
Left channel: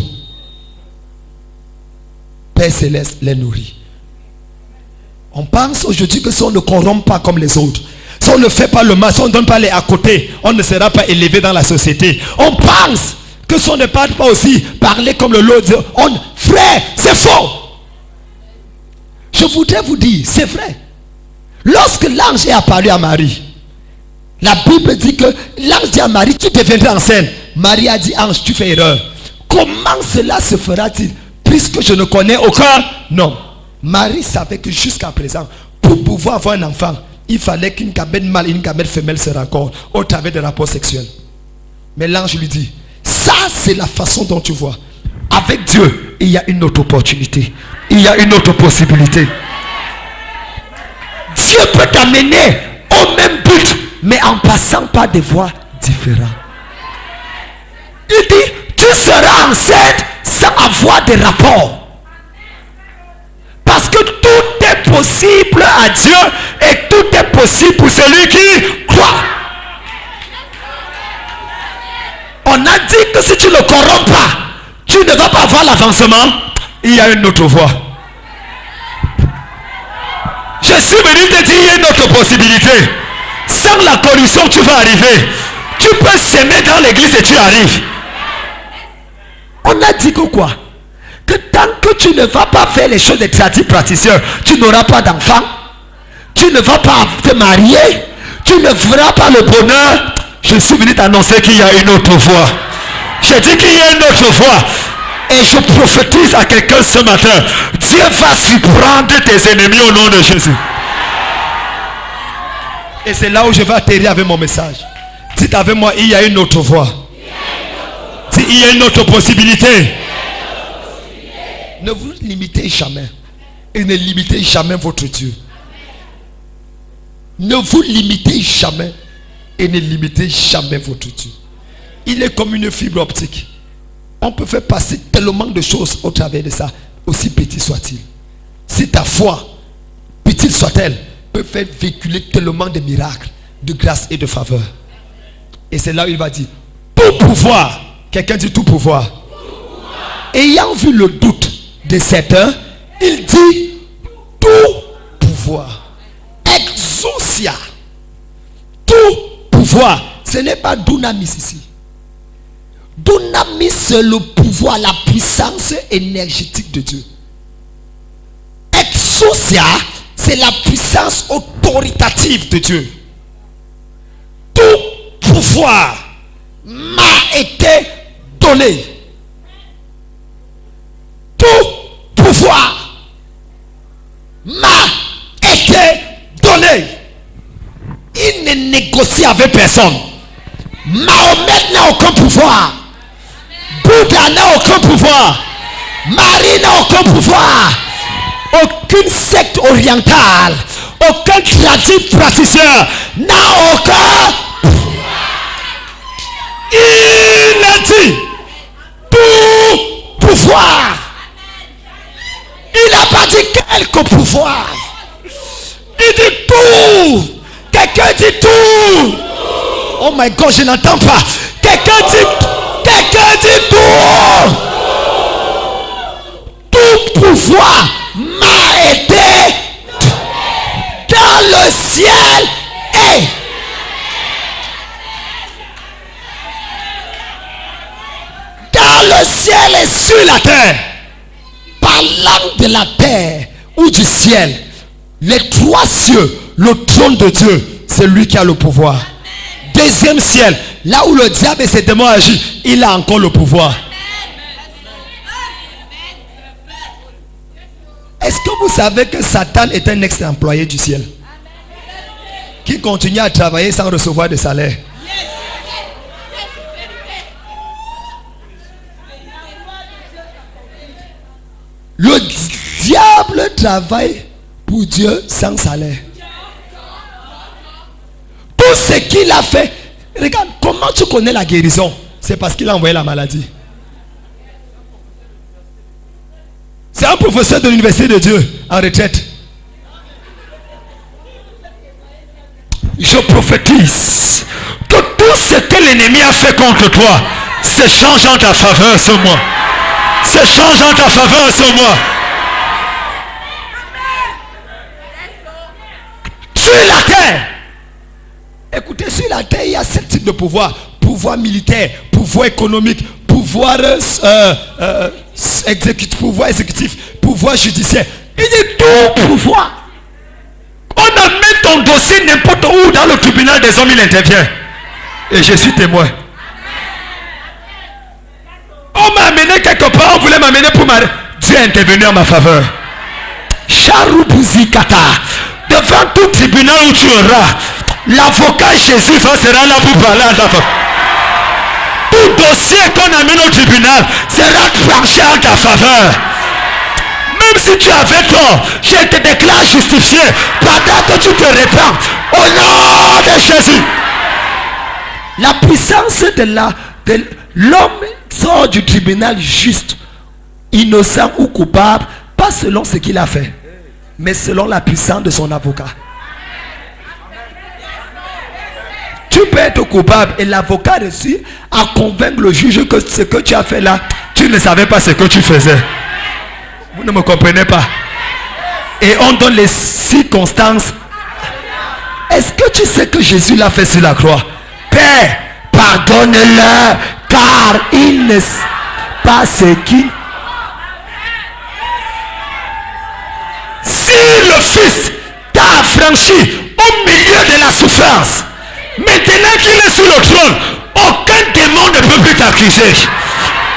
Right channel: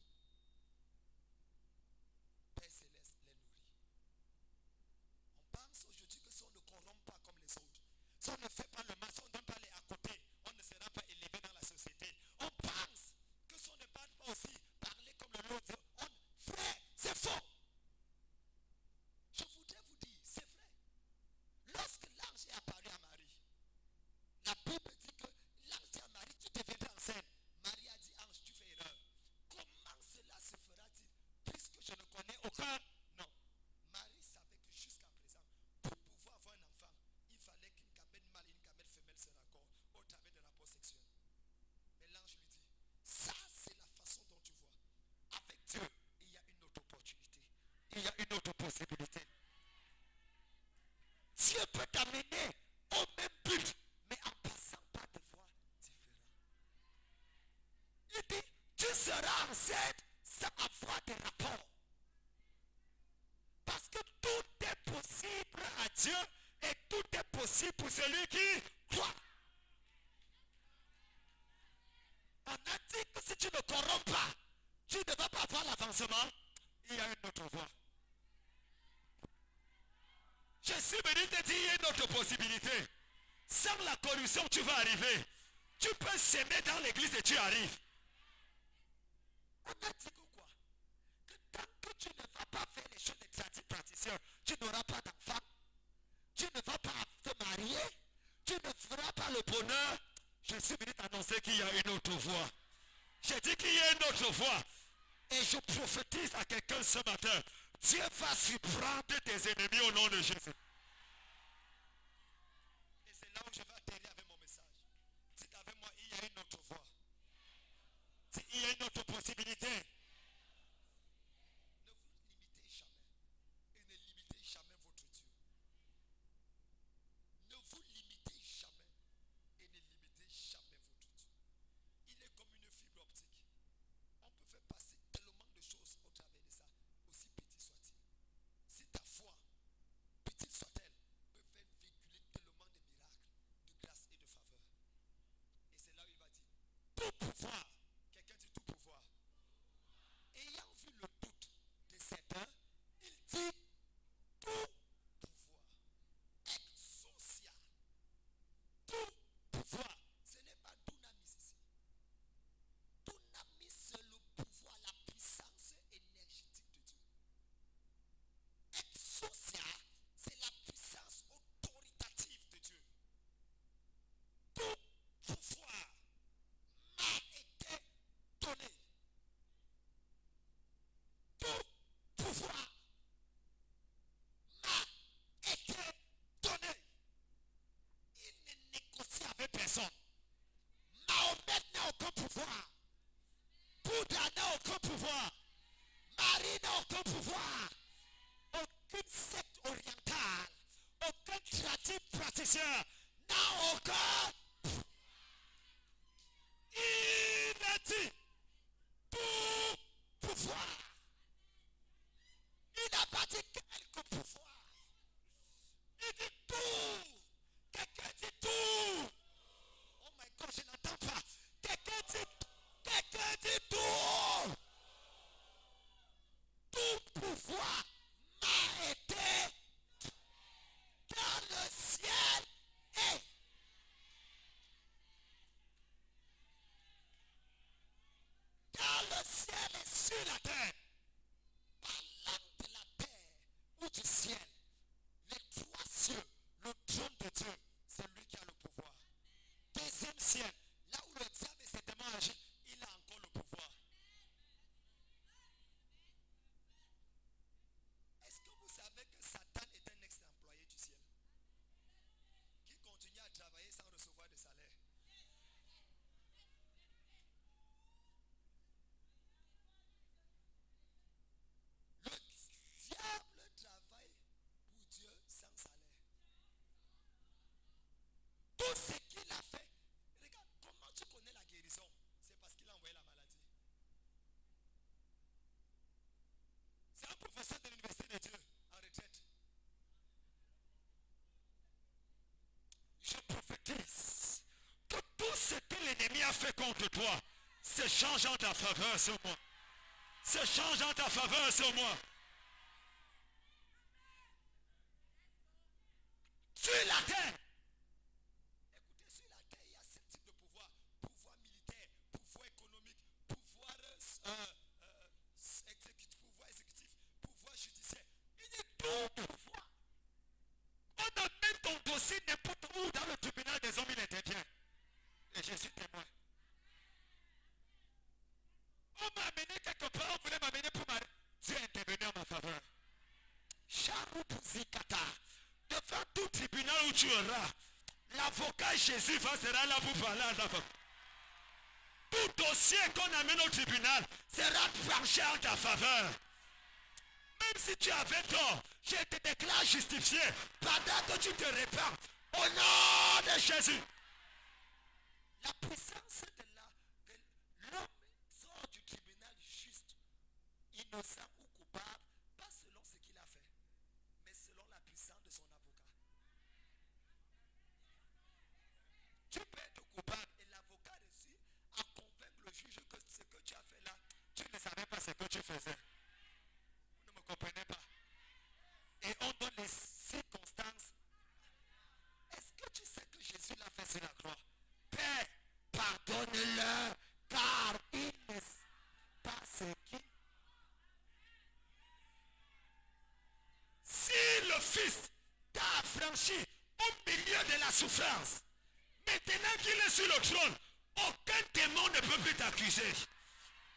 Père céleste les nourrit. On pense aujourd'hui que si on ne corrompt pas comme les autres, si on ne fait pas le mal, si on ne donne pas les à côté, on ne sera pas élevé dans la société. On pense que si on ne parle pas aussi, parler comme le lot, frère, c'est faux. Je voudrais vous dire, c'est vrai. Lorsque l'ange est apparu à Marie, la Bible dit que l'ange dit à Marie, tu deviendras enceinte. Marie a dit, ange, tu fais erreur. Comment cela se fera-t-il? Puisque je ne connais aucun homme. Marie savait que jusqu'à présent, pour pouvoir avoir un enfant, il fallait qu'une gamète mâle et une gamète femelle se rencontrent au travers des rapports sexuels. Mais l'ange lui dit, ça c'est la façon dont tu vois. Avec Dieu, il y a une autre opportunité. Il y a une autre possibilité. Dieu peut t'amener au même but, mais en passant par des voies différentes. Il dit, tu seras enceinte sans avoir de rapport. Parce que tout est possible à Dieu et tout est possible pour celui qui croit. On a dit que si tu ne corromps pas, tu ne vas pas avoir l'avancement. Il y a une autre voie. Je suis venu te dire, il y a une autre possibilité. Sans la corruption, tu vas arriver. Tu peux s'aimer dans l'église et tu arrives. On a dit que quoi? Que tant que tu ne vas pas faire les choses des praticiens, tu n'auras pas d'enfant. Tu ne vas pas te marier. Tu ne feras pas le bonheur. Je suis venu t'annoncer qu'il y a une autre voie. J'ai dit qu'il y a une autre voie. Et je prophétise à quelqu'un ce matin. Dieu va surprendre tes ennemis au nom de Jésus. Et c'est là où je vais atterrir avec mon message. Dites avec moi, il y a une autre voie. Dites, il y a une autre possibilité. Ne vous limitez jamais. Et ne limitez jamais votre Dieu. Ne vous limitez jamais. Et ne limitez jamais votre Dieu. Il est comme une fibre optique. On peut faire passer tellement de choses au travers de ça, aussi petit soit-il. Si ta foi, petite soit-elle, peut faire véhiculer tellement de miracles, de grâce et de faveur. Et c'est là où il va dire, tout pouvoir, quelqu'un dit tout pouvoir. Ayant vu le doute de certains, il dit tout pouvoir. Exousia. Tout pouvoir. Ce n'est pas dunamis ici. Dunamis, c'est le pouvoir, la puissance énergétique de Dieu. Exousia, c'est la puissance autoritative de Dieu. Tout pouvoir m'a été donné. Tout pouvoir m'a été donné. Il ne négocie avec personne. Mahomet n'a aucun pouvoir. Bouddha n'a aucun pouvoir. Marie n'a aucun pouvoir. Aucune secte orientale, aucun praticien n'a aucun pouvoir. Il a dit tout pouvoir. Il n'a pas dit quelques pouvoirs. Il dit tout. Quelqu'un dit tout. Oh my God, je n'entends pas. Quelqu'un dit tout. Tout pouvoir m'a été dans le ciel et dans le ciel et sur la terre. Parlant de la terre ou du ciel, les trois cieux, le trône de Dieu, c'est lui qui a le pouvoir. Deuxième ciel, là où le diable et ses démons agissent, il a encore le pouvoir. Est-ce que vous savez que Satan est un ex-employé du ciel qui continue à travailler sans recevoir de salaire? Le diable travaille pour Dieu sans salaire. Tout ce qu'il a fait, regarde, comment tu connais la guérison? C'est parce qu'il a envoyé la maladie. C'est un professeur de l'université de Dieu en retraite. Je prophétise que tout ce que l'ennemi a fait contre toi se change en ta faveur ce mois. Se change en ta faveur ce mois. Sur la terre. Écoutez, sur la terre, il y a 7 types de pouvoirs. Pouvoir militaire, pouvoir économique, pouvoir exécutif, pouvoir judiciaire. Il dit tout pouvoir. On amène ton dossier n'importe où dans le tribunal des hommes, il intervient. Et je suis témoin. On m'a amené quelque part, on voulait m'amener pour ma... Dieu est intervenu en ma faveur. Charoubouzi Kata. Devant tout tribunal où tu auras, l'avocat Jésus sera là pour parler à ta faveur. Tout dossier qu'on amène au tribunal sera tranché en ta faveur. Même si tu avais tort, je te déclare justifié pendant que tu te répands au nom de Jésus. La puissance de l'homme sort du tribunal juste, innocent ou coupable, pas selon ce qu'il a fait, mais selon la puissance de son avocat. Tu peux être coupable et l'avocat réussit à convaincre le juge que ce que tu as fait là, tu ne savais pas ce que tu faisais. Vous ne me comprenez pas. Et on donne les circonstances. Est-ce que tu sais que Jésus l'a fait sur la croix? Père, pardonne-leur, car ils ne savent pas ce qui... Si le Fils t'a affranchi au milieu de la souffrance, maintenant qu'il est sur le trône, aucun démon ne peut plus t'accuser.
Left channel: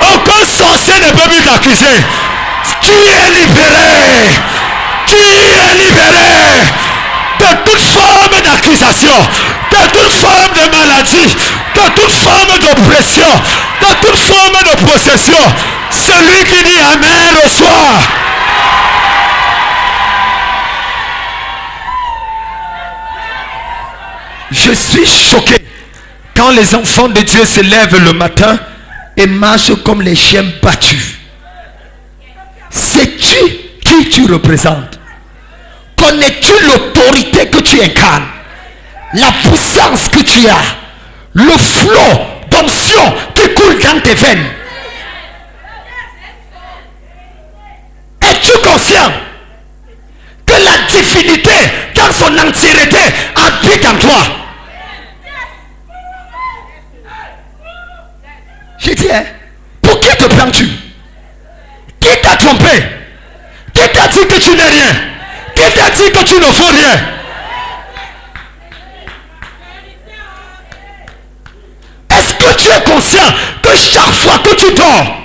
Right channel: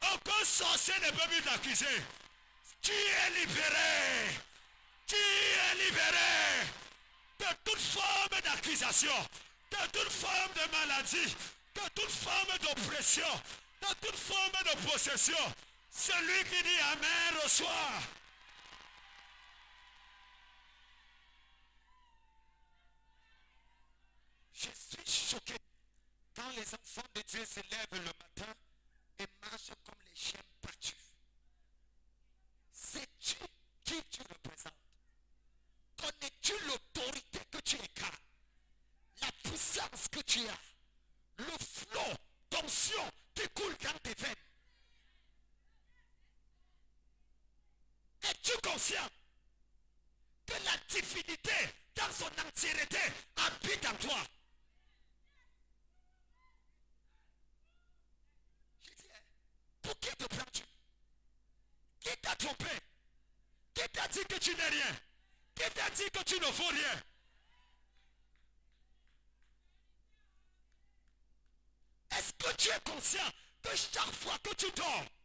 Aucun sorcier ne peut plus t'accuser. Tu es libéré. Tu es libéré de toute forme d'accusation, de toute forme de maladie, de toute forme d'oppression, de toute forme de possession. Celui qui dit Amen reçoit. Je suis choqué quand les enfants de Dieu se lèvent le matin et marchent comme les chiens battus. Sais-tu qui tu représentes? Connais-tu l'autorité que tu incarnes? La puissance que tu as? Le flot d'onction qui coule dans tes veines? Es-tu conscient que la divinité dans son entièreté habite en toi? J'ai dit, hein, pour qui te prends-tu? Qui t'a trompé? Qui t'a dit que tu n'es rien? Qui t'a dit que tu ne fais rien? Est-ce que tu es conscient que chaque fois que tu dors,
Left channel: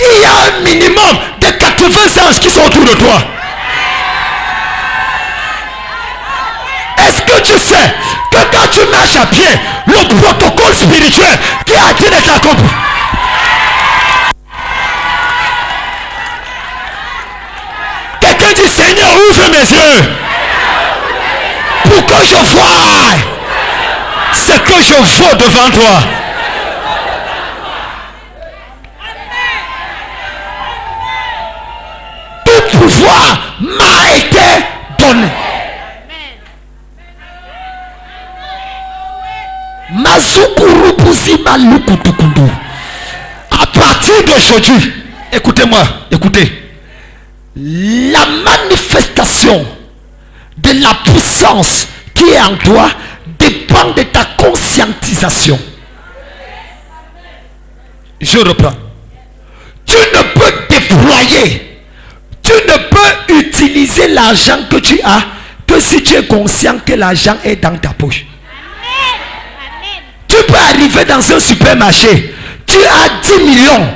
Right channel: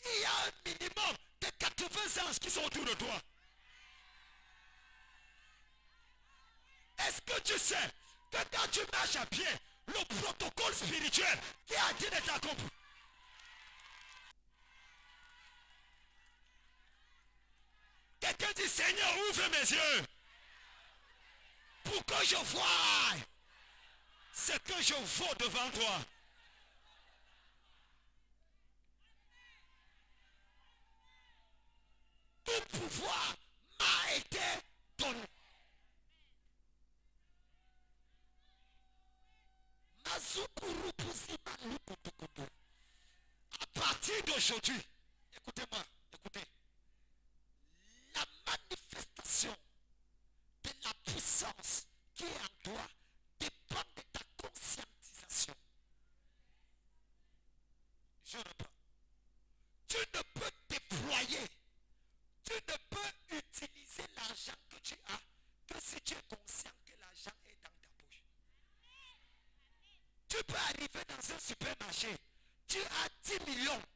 il y a un minimum de 80 anges qui sont autour de toi? Est-ce que tu sais que quand tu marches à pied, le protocole spirituel qui a été de t'accomplir? Quelqu'un dit Seigneur, ouvre mes yeux pour que je voie ce que je vaux devant toi. Tout pouvoir m'a été donné. À partir d'aujourd'hui, écoutez-moi, écoutez. La manifestation de la puissance qui est en toi dépend de ta conscientisation. Je reprends. Tu ne peux déployer, tu ne peux utiliser l'argent que tu as que si tu es conscient que l'argent est dans ta poche. Tu peux arriver dans un supermarché, tu as 10 millions,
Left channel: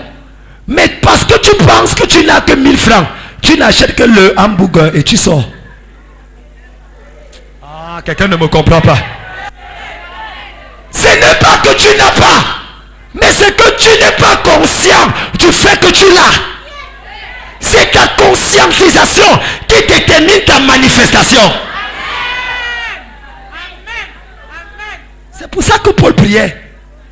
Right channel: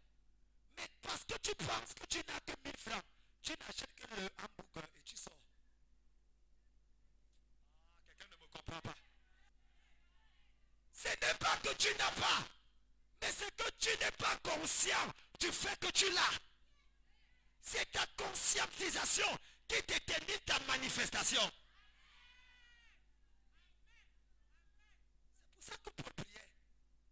mais parce que tu penses que tu n'as que 1000 francs, tu n'achètes que le hamburger et tu sors. Ah, quelqu'un ne me comprend pas. Ce n'est pas que tu n'as pas, mais c'est que tu n'es pas conscient du fait que tu l'as. C'est ta conscientisation qui détermine ta manifestation. C'est pour ça que Paul priait.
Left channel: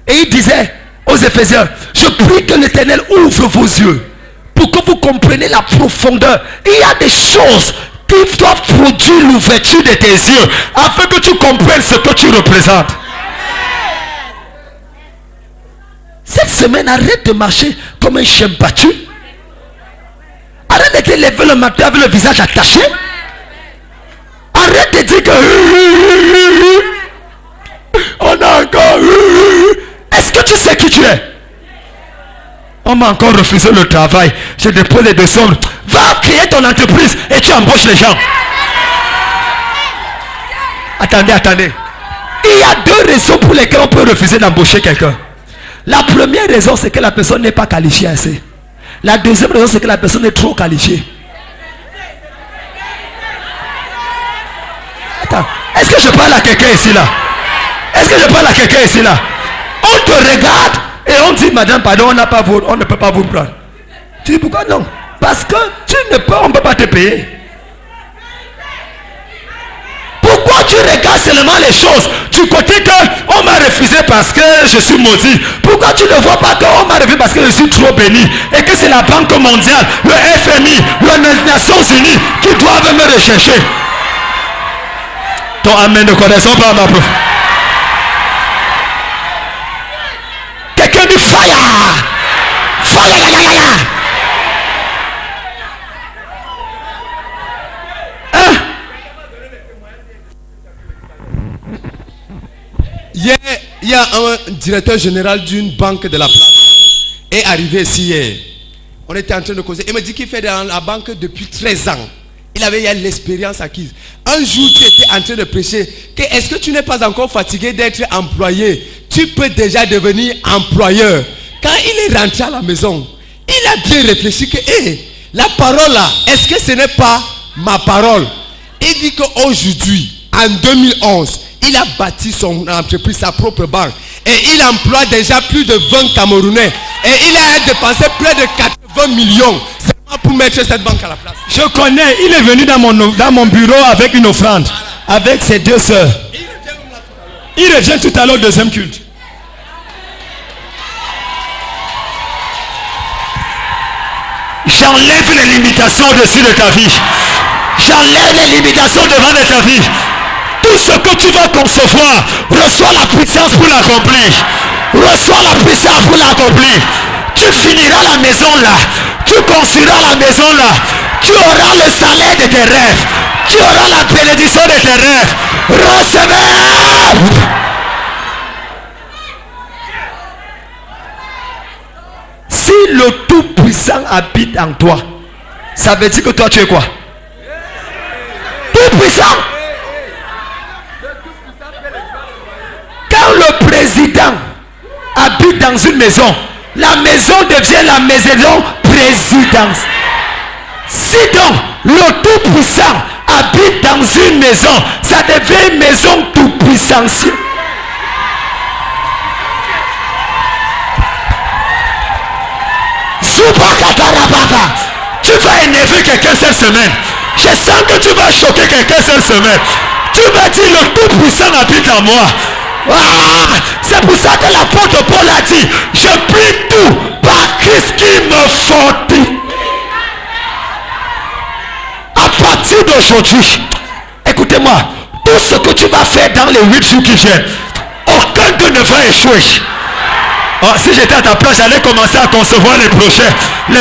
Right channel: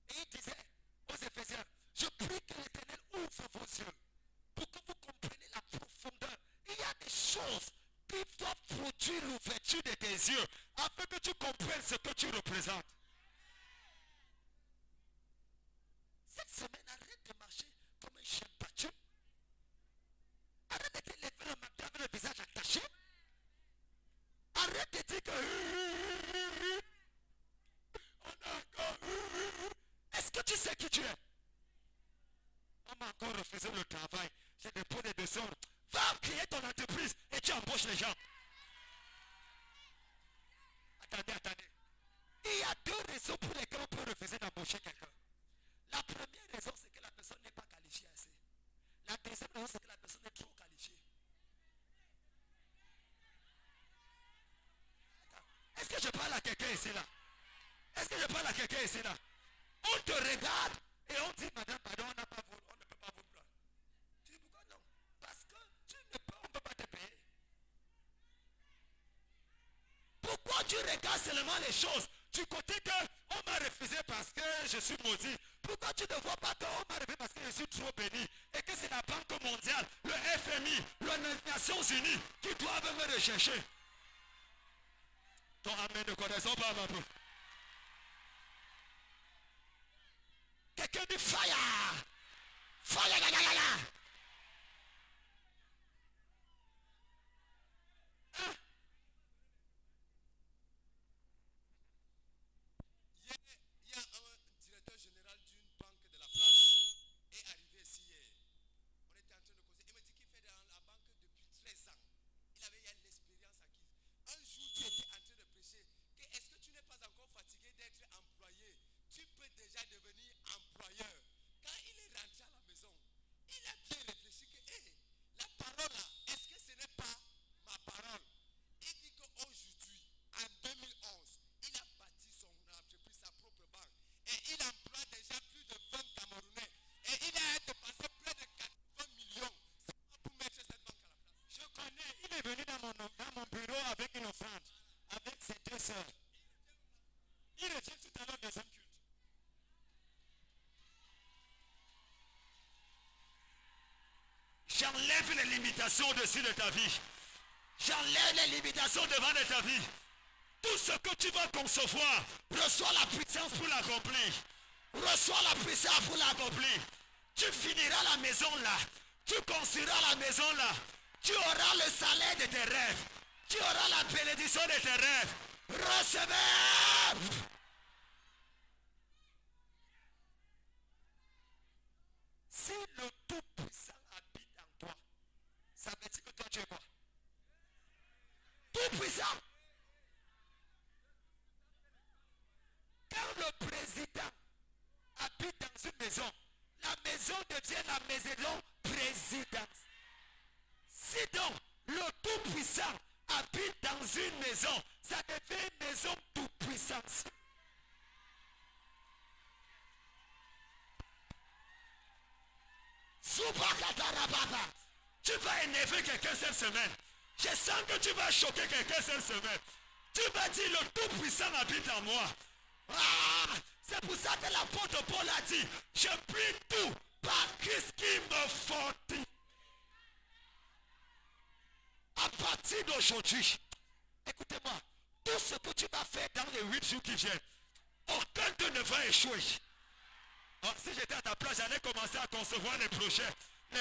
Et il disait aux Éphésiens, je prie que l'Éternel ouvre vos yeux pour que vous compreniez la profondeur. Il y a des choses qui doit produire l'ouverture de tes yeux afin que tu comprennes ce que tu représentes. Cette semaine, arrête de marcher comme un chien battu. Arrête de te lever le matin avec le visage attaché. Arrête de dire que on a encore. Est-ce que tu sais qui tu es? On m'a encore refusé le travail. Je dépose les 200. Va créer ton entreprise et tu embauches les gens. Attendez. Il y a 2 raisons pour lesquelles on peut refuser d'embaucher quelqu'un. La première raison, c'est que la personne n'est pas qualifiée assez. La deuxième raison, c'est que la personne est trop qualifiée. Attends, est-ce que je parle à quelqu'un ici là? Est-ce que je parle à quelqu'un ici là? On te regarde et on dit, madame, pardon, on ne peut pas vous prendre. Tu dis pourquoi non? Parce que on ne peut pas te payer. Pourquoi tu regardes seulement les choses du côté que on m'a refusé parce que je suis maudit? Pourquoi tu ne vois pas qu'on m'a refusé parce que je suis trop béni et que c'est la Banque mondiale, le FMI, les Nations Unies qui doivent me rechercher? Ton amen ne connaissons pas ma prof. Quelqu'un dit fire! Fire! Hier, il y a un directeur général d'une banque de la place est arrivé ici hier. On était en train de causer. Il me dit qu'il fait dans la banque depuis 13 ans. Il avait l'expérience acquise. Un jour, tu étais en train de prêcher que est-ce que tu n'es pas encore fatigué d'être employé? Tu peux déjà devenir employeur. Quand il est rentré à la maison, il a bien réfléchi que la parole là, est-ce que ce n'est pas ma parole? Il dit qu'aujourd'hui, en 2011, il a bâti son entreprise, sa propre banque. Et il emploie déjà plus de 20 Camerounais. Et il a dépensé près de 80 millions seulement pour mettre cette banque à la place. Je connais, il est venu dans mon bureau avec une offrande. Avec ses 2 sœurs. Il revient tout à l'heure au deuxième culte. J'enlève les limitations au-dessus de ta vie. J'enlève les limitations devant de ta vie. Tout ce que tu vas concevoir, reçois la puissance pour l'accomplir. Reçois la puissance pour l'accomplir. Tu finiras la maison là. Tu construiras la maison là. Tu auras le salaire de tes rêves. Tu auras la bénédiction de tes rêves. Recevez. Si le Tout-Puissant habite en toi, ça veut dire que toi tu es quoi? Tout-Puissant. Quand le président habite dans une maison, la maison devient la maison présidence. Si donc le Tout-Puissant habite dans une maison, ça devient une maison tout-puissancielle. Tu vas énerver quelqu'un cette semaine. Je sens que tu vas choquer quelqu'un cette semaine. Tu vas dire le Tout-Puissant habite en moi. Ah, c'est pour ça que l'apôtre Paul a dit, je prie tout par Christ qui me fortifie. À partir d'aujourd'hui, écoutez-moi, tout ce que tu vas faire dans les 8 jours qui viennent, aucun d'eux ne va échouer. Oh, si j'étais à ta place, j'allais commencer à concevoir les projets. Je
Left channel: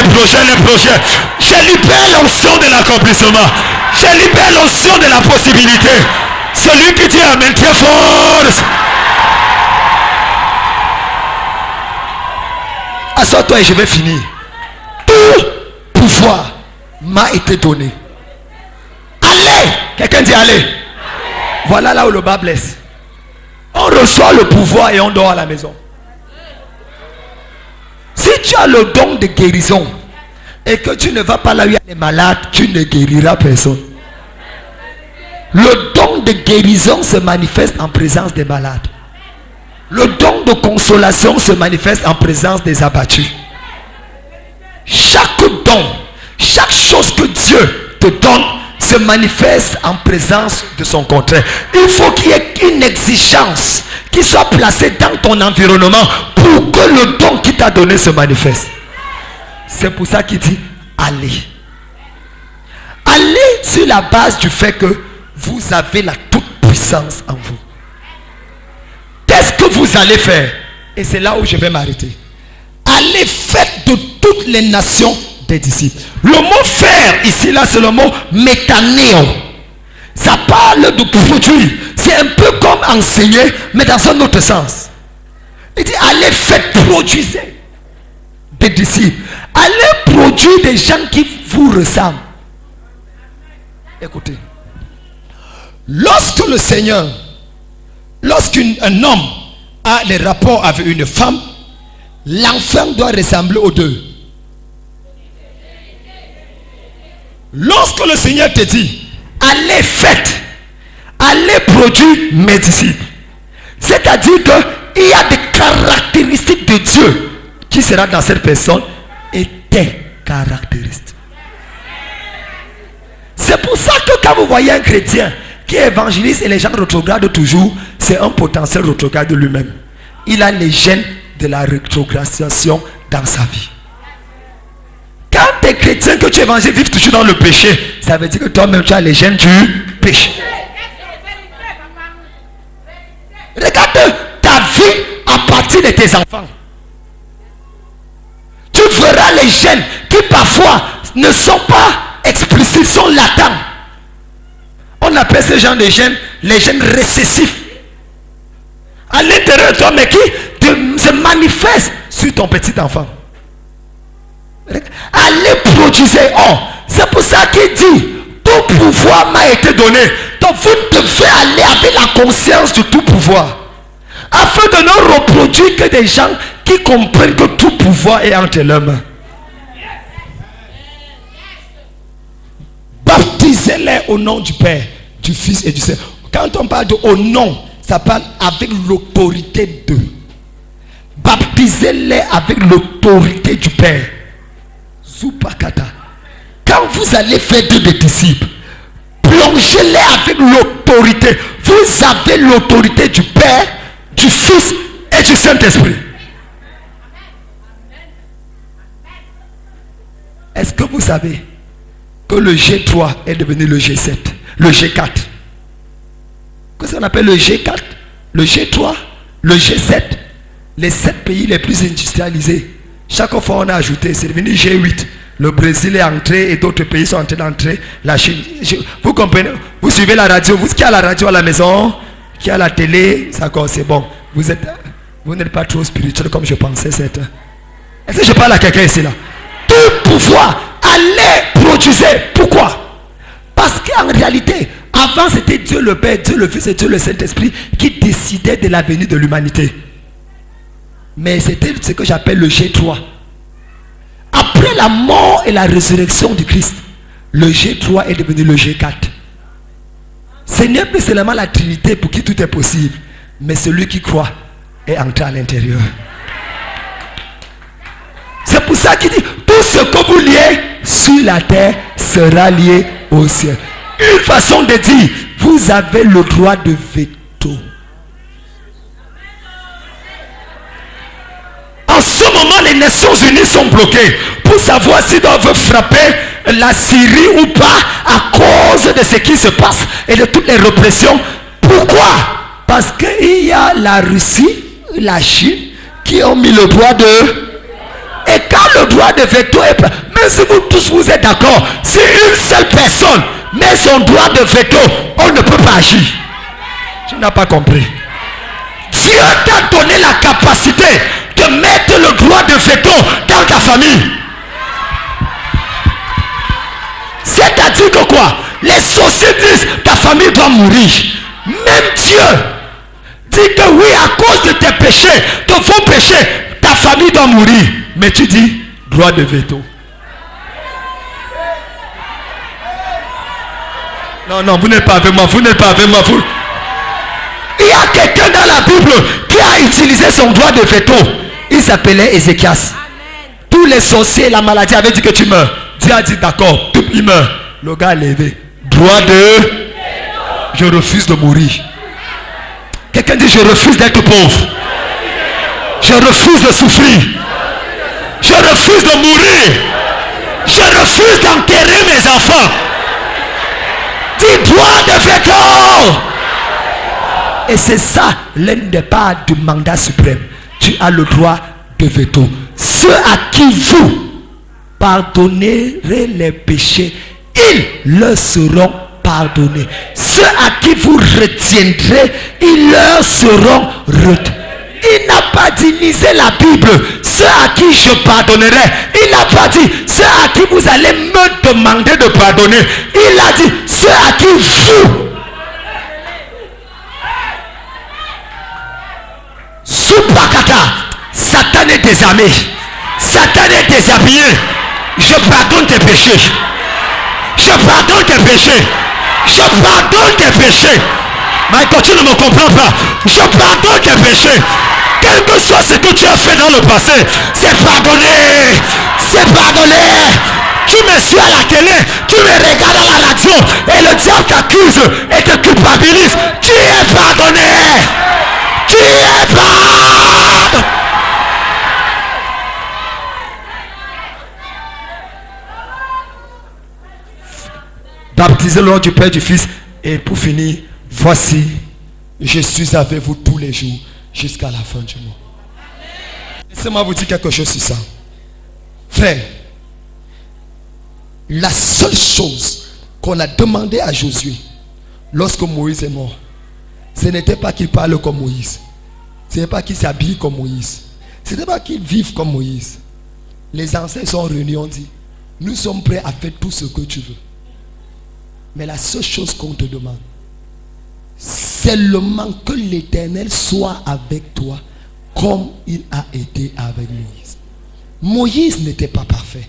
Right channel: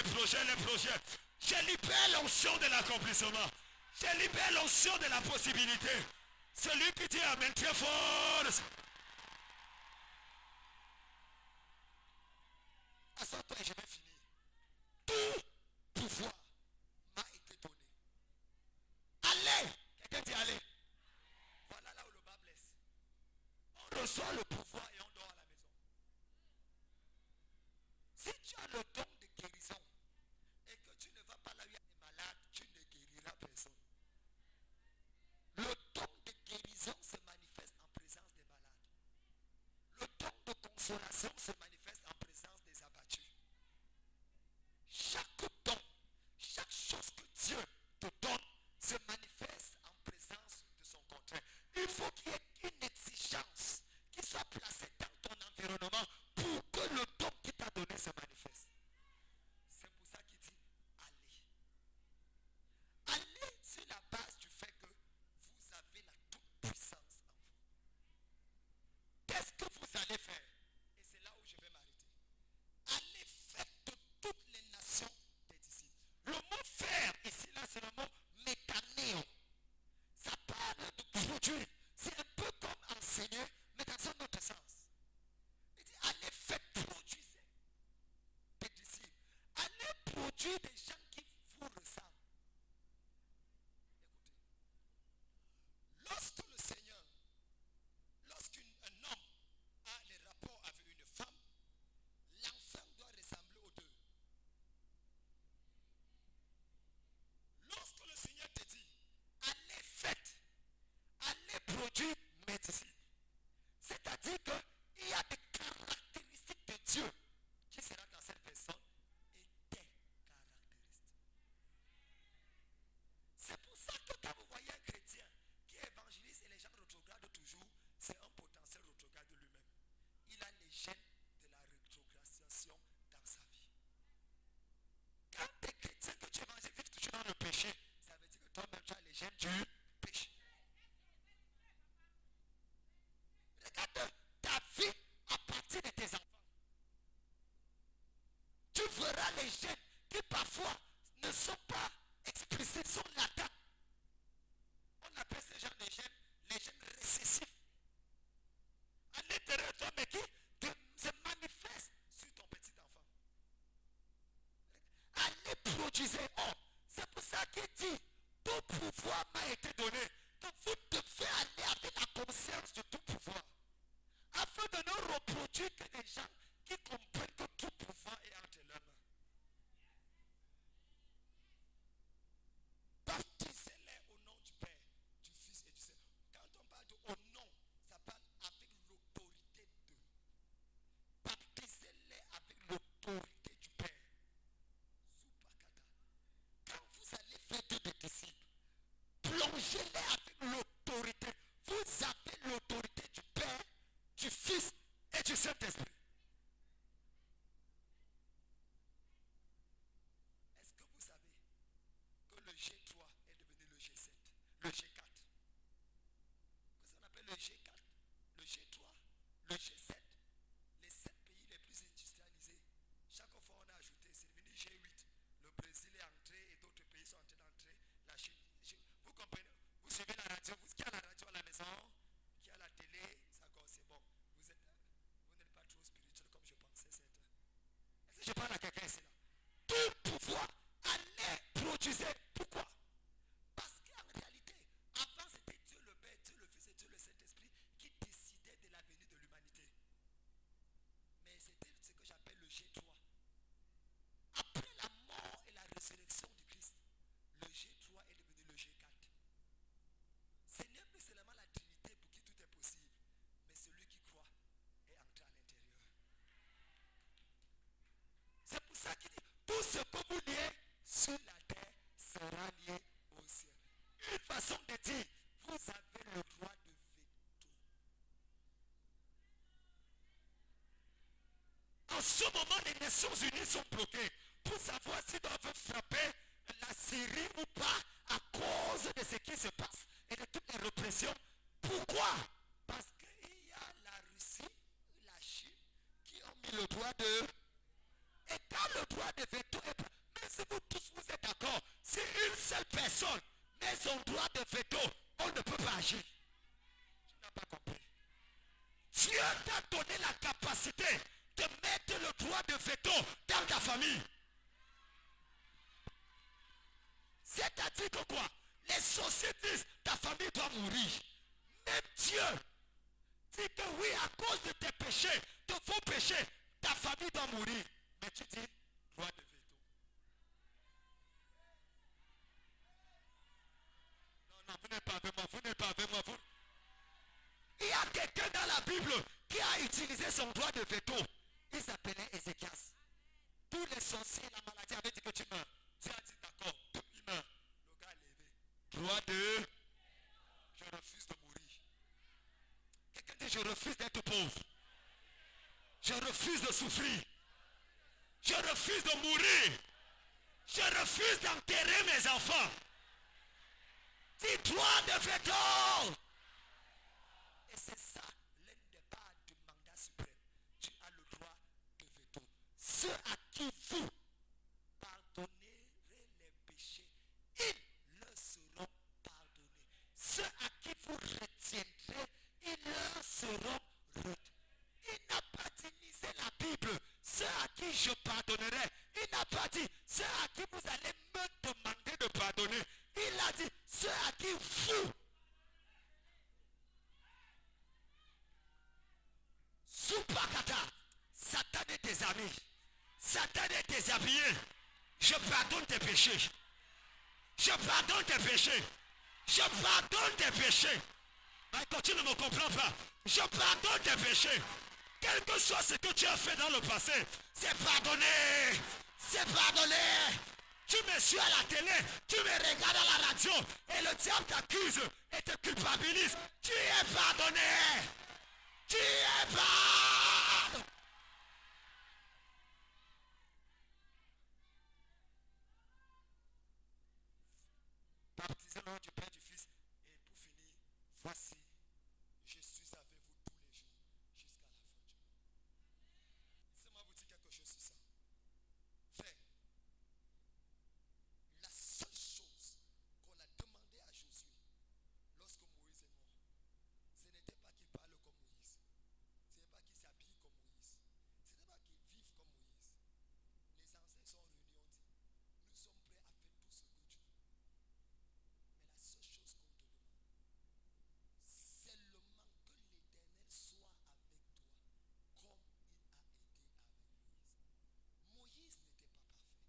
libère l'onction de l'accomplissement. Je libère l'onction de la possibilité. Celui qui dit amen très fort. Assois-toi et je vais finir. Tout pouvoir m'a été donné. Allez! Quelqu'un dit allez. Voilà là où le bas blesse. On reçoit le pouvoir et on dort à la maison. Si tu as le don de guérison et que tu ne vas pas là où il y a les malades, tu ne guériras personne. Le don de guérison se manifeste en présence des malades. Le don de consolation se manifeste en présence des abattus. Chaque don, chaque chose que Dieu te donne se manifeste en présence de son contraire. Il faut qu'il y ait une exigence qui soit placée dans ton environnement pour que le don qui t'a donné se manifeste. C'est pour ça qu'il dit allez. Allez sur la base du fait que vous avez la toute-puissance en vous. Qu'est-ce que vous allez faire? Et c'est là où je vais m'arrêter. Allez, faites de toutes les nations des disciples. Le mot faire ici, là, c'est le mot métanéo. Ça parle de produire. C'est un peu comme enseigner, mais dans un autre sens. Il dit, allez, faites produire des disciples. Allez produire des gens qui vous ressemblent. Écoutez. Lorsque le Seigneur, lorsqu'un homme a des rapports avec une femme, l'enfant doit ressembler aux deux. Lorsque le Seigneur te dit, allez faites, allez produire mes disciples, c'est-à-dire qu'il y a des caractéristiques de Dieu qui sera dans cette personne et tes caractéristiques. C'est pour ça que quand vous voyez un chrétien qui évangélise et les gens rétrogradent toujours, c'est un potentiel rétrograde de lui-même. Il a les gènes de la rétrogradation dans sa vie. Quand tu es chrétien, que tu évangélises, vivent toujours dans le péché, ça veut dire que toi-même tu as les gènes du péché. Regarde ta vie à partir de tes enfants. Tu verras les gènes qui parfois ne sont pas explicites, sont latents. On appelle ces gens de gènes les gènes récessifs. À l'intérieur de toi, mais qui se manifestent sur ton petit enfant. Allez produire. Oh, c'est pour ça qu'il dit, tout pouvoir m'a été donné. Donc vous devez aller avec la conscience de tout pouvoir. Afin de ne reproduire que des gens qui comprennent que tout pouvoir est entre leurs mains. Baptisez-les au nom du Père, du Fils et du Saint. Quand on parle de au nom, ça parle avec l'autorité d'eux. Baptisez-les avec l'autorité du Père. Zupakata. Quand vous allez faire des disciples, plongez-les avec l'autorité. Vous avez l'autorité du Père, du Fils et du Saint-Esprit. Est-ce que vous savez que le G3 est devenu le G7, le G4? Qu'est-ce qu'on appelle le G4, le G3, le G7? Les 7 pays les plus industrialisés. Chaque fois on a ajouté, c'est devenu G8. Le Brésil est entré et d'autres pays sont en train d'entrer. La Chine. Vous comprenez? Vous suivez la radio. Vous qui a la radio à la maison, qui a la télé, c'est bon. Vous n'êtes pas trop spirituel comme je pensais. Est-ce que je parle à quelqu'un ici là? Tout pouvoir, allez produire. Pourquoi? Parce qu'en réalité, avant c'était Dieu le Père, Dieu le Fils et Dieu le Saint-Esprit qui décidaient de l'avenir de l'humanité. Mais c'était ce que j'appelle le G3. Après la mort et la résurrection du Christ, le G3 est devenu le G4. Ce n'est plus seulement la Trinité pour qui tout est possible, mais celui qui croit est entré à l'intérieur. C'est pour ça qu'il dit, tout ce que vous liez sur la terre sera lié au ciel. Une façon de dire, vous avez le droit de veto. En ce moment, les Nations Unies sont bloquées pour savoir s'ils doivent frapper la Syrie ou pas à cause de ce qui se passe et de toutes les répressions. Pourquoi? Parce qu'il y a la Russie, la Chine qui ont mis le droit de... Et quand le droit de veto est... Même si vous tous vous êtes d'accord, si une seule personne met son droit de veto, on ne peut pas agir. Tu n'as pas compris. Dieu t'a donné la capacité de mettre le droit de veto dans ta famille. C'est-à-dire que quoi? Les sorciers disent ta famille doit mourir. Même Dieu dit que oui, à cause de tes péchés, de vos péchés, ta famille doit mourir. Mais tu dis droit de veto. Non, vous n'êtes pas avec moi, vous n'êtes pas avec moi. Il y a quelqu'un dans la Bible qui a utilisé son droit de veto. Il s'appelait Ézéchias. Tous les sorciers, la maladie avaient dit que tu meurs. Dieu a dit d'accord, il meurt. Le gars a levé. Droit de... Je refuse de mourir. Quelqu'un dit je refuse d'être pauvre. Je refuse de souffrir. Je refuse de mourir. Je refuse d'enterrer mes enfants. Dis droit de veto. Et c'est ça l'un des parts du mandat suprême. Tu as le droit de veto. Ceux à qui vous pardonnerez les péchés, ils leur seront pardonnés. Ceux à qui vous retiendrez, ils leur seront retenus. Il n'a pas dit lisez la Bible, ceux à qui je pardonnerai. Il n'a pas dit ceux à qui vous allez me demander de pardonner. Il a dit ceux à qui vous. Soupakata, Satan est désarmé, Satan est déshabillé. Je pardonne tes péchés. Je pardonne tes péchés. Je pardonne tes péchés. Michael, tu ne me comprends pas. Je pardonne tes péchés. Quel que soit ce que tu as fait dans le passé, c'est pardonné. C'est pardonné. Tu me suis à la télé, tu me regardes à la radio et le diable t'accuse et te culpabilise. Tu es pardonné. Tu es pardonné. Baptisez le nom du Père, du Fils. Et pour finir, voici, je suis avec vous tous les jours jusqu'à la fin du mois. Laissez-moi vous dire quelque chose sur ça. Frère, la seule chose qu'on a demandé à Josué lorsque Moïse est mort, ce n'était pas qu'il parle comme Moïse. Ce n'était pas qu'il s'habille comme Moïse. Ce n'était pas qu'il vive comme Moïse. Les anciens sont réunis, on dit, nous sommes prêts à faire tout ce que tu veux. Mais la seule chose qu'on te demande, c'est seulement que l'Éternel soit avec toi comme il a été avec Moïse. Moïse n'était pas parfait.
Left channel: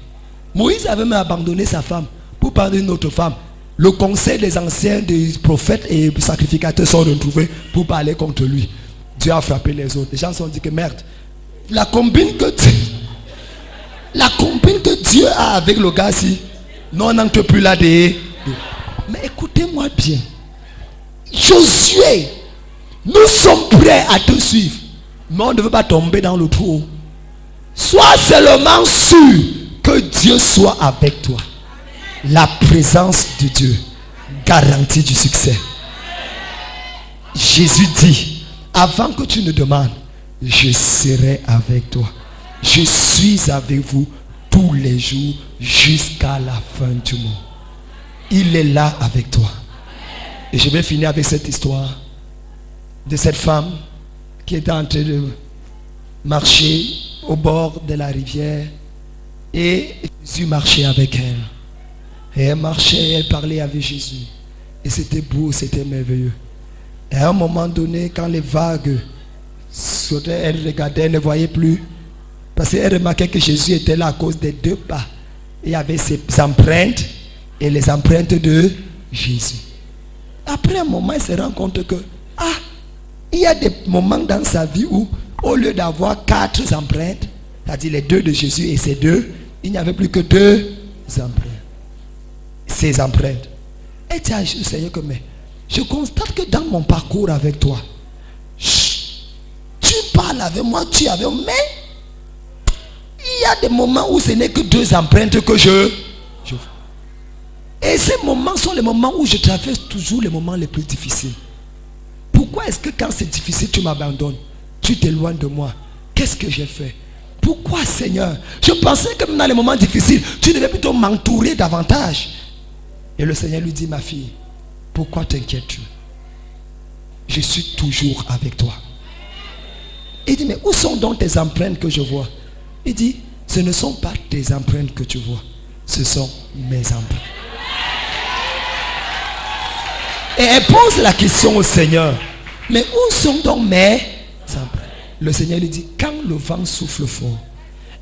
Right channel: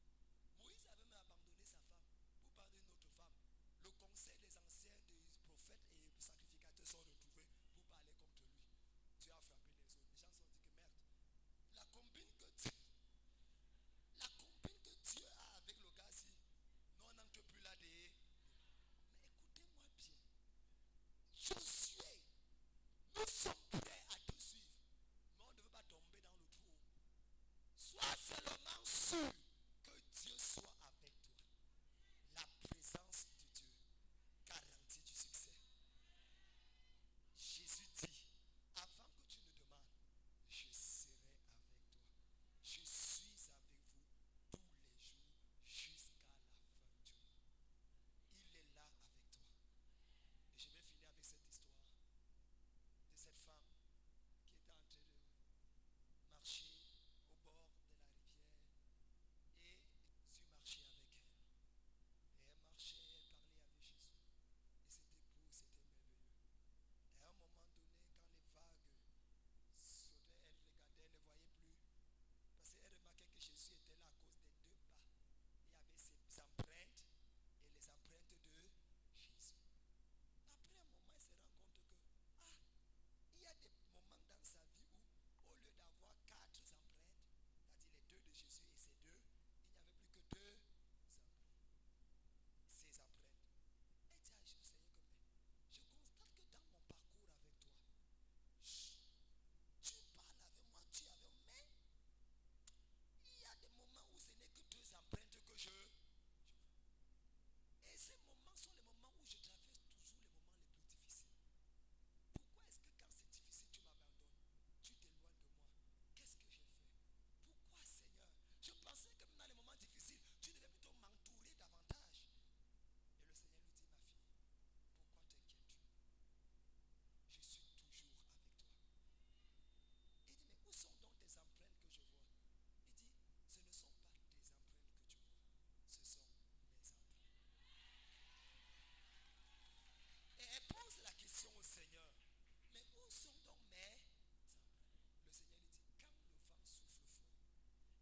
Moïse avait même abandonné sa femme pour parler d'une autre femme. Le conseil des anciens, des prophètes et des sacrificateurs sont retrouvés pour parler contre lui. Dieu a frappé les autres. Les gens se sont dit que merde, la combine que Dieu a avec le gars-ci, non, on n'entre plus là des... Mais écoutez-moi bien. Josué, nous sommes prêts à te suivre. Mais on ne veut pas tomber dans le trou. Sois seulement sûr que Dieu soit avec toi. La présence de Dieu garantit du succès. Jésus dit, avant que tu ne demandes, je serai avec toi. Je suis avec vous tous les jours jusqu'à la fin du monde. Il est là avec toi. Et je vais finir avec cette histoire de cette femme qui était en train de marcher au bord de la rivière. Et Jésus marchait avec elle. Et elle marchait, elle parlait avec Jésus. Et c'était beau, c'était merveilleux. Et à un moment donné, quand les vagues sautaient, elle regardait, elle ne voyait plus. Parce qu'elle remarquait que Jésus était là à cause des deux pas. Il y avait ses empreintes et les empreintes de Jésus. Après un moment, elle se rend compte que il y a des moments dans sa vie où, au lieu d'avoir 4 empreintes, c'est-à-dire les 2 de Jésus et ces 2, il n'y avait plus que 2 empreintes. Ces empreintes. Elle dit à Jésus, Seigneur, que mais je constate que dans mon parcours avec toi, tu parles avec moi, tu es avec moi, mais il y a des moments où ce n'est que 2 empreintes que je vois. Et ces moments sont les moments où je traverse toujours les moments les plus difficiles. Pourquoi est-ce que quand c'est difficile, tu m'abandonnes? Tu t'éloignes de moi. Qu'est-ce que j'ai fait? Pourquoi, Seigneur? Je pensais que dans les moments difficiles, tu devais plutôt m'entourer davantage. Et le Seigneur lui dit, ma fille, pourquoi t'inquiètes-tu? Je suis toujours avec toi. Il dit, mais où sont donc tes empreintes que je vois? Il dit, ce ne sont pas tes empreintes que tu vois. Ce sont mes empreintes. Et elle pose la question au Seigneur. Mais où sont donc mes empreintes? Le Seigneur lui dit, quand le vent souffle fort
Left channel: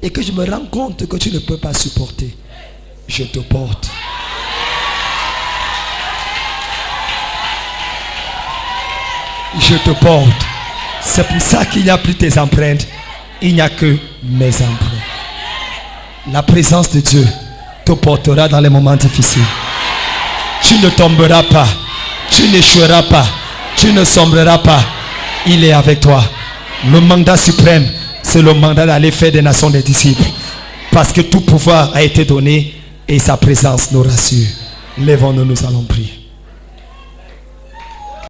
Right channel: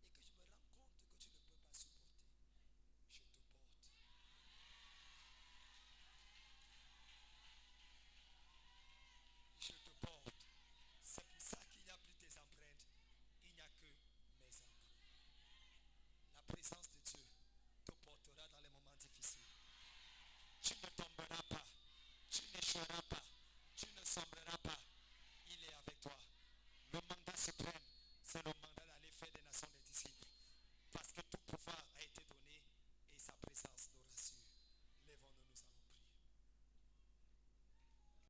et que je me rends compte que tu ne peux pas supporter, je te porte. Je te porte. C'est pour ça qu'il n'y a plus tes empreintes. Il n'y a que mes empreintes. La présence de Dieu te portera dans les moments difficiles. Tu ne tomberas pas. Tu n'échoueras pas. Tu ne sombreras pas. Il est avec toi. Le mandat suprême, c'est le mandat d'aller faire des nations des disciples. Parce que tout pouvoir a été donné et sa présence nous rassure. Lèvons-nous, nous allons prier.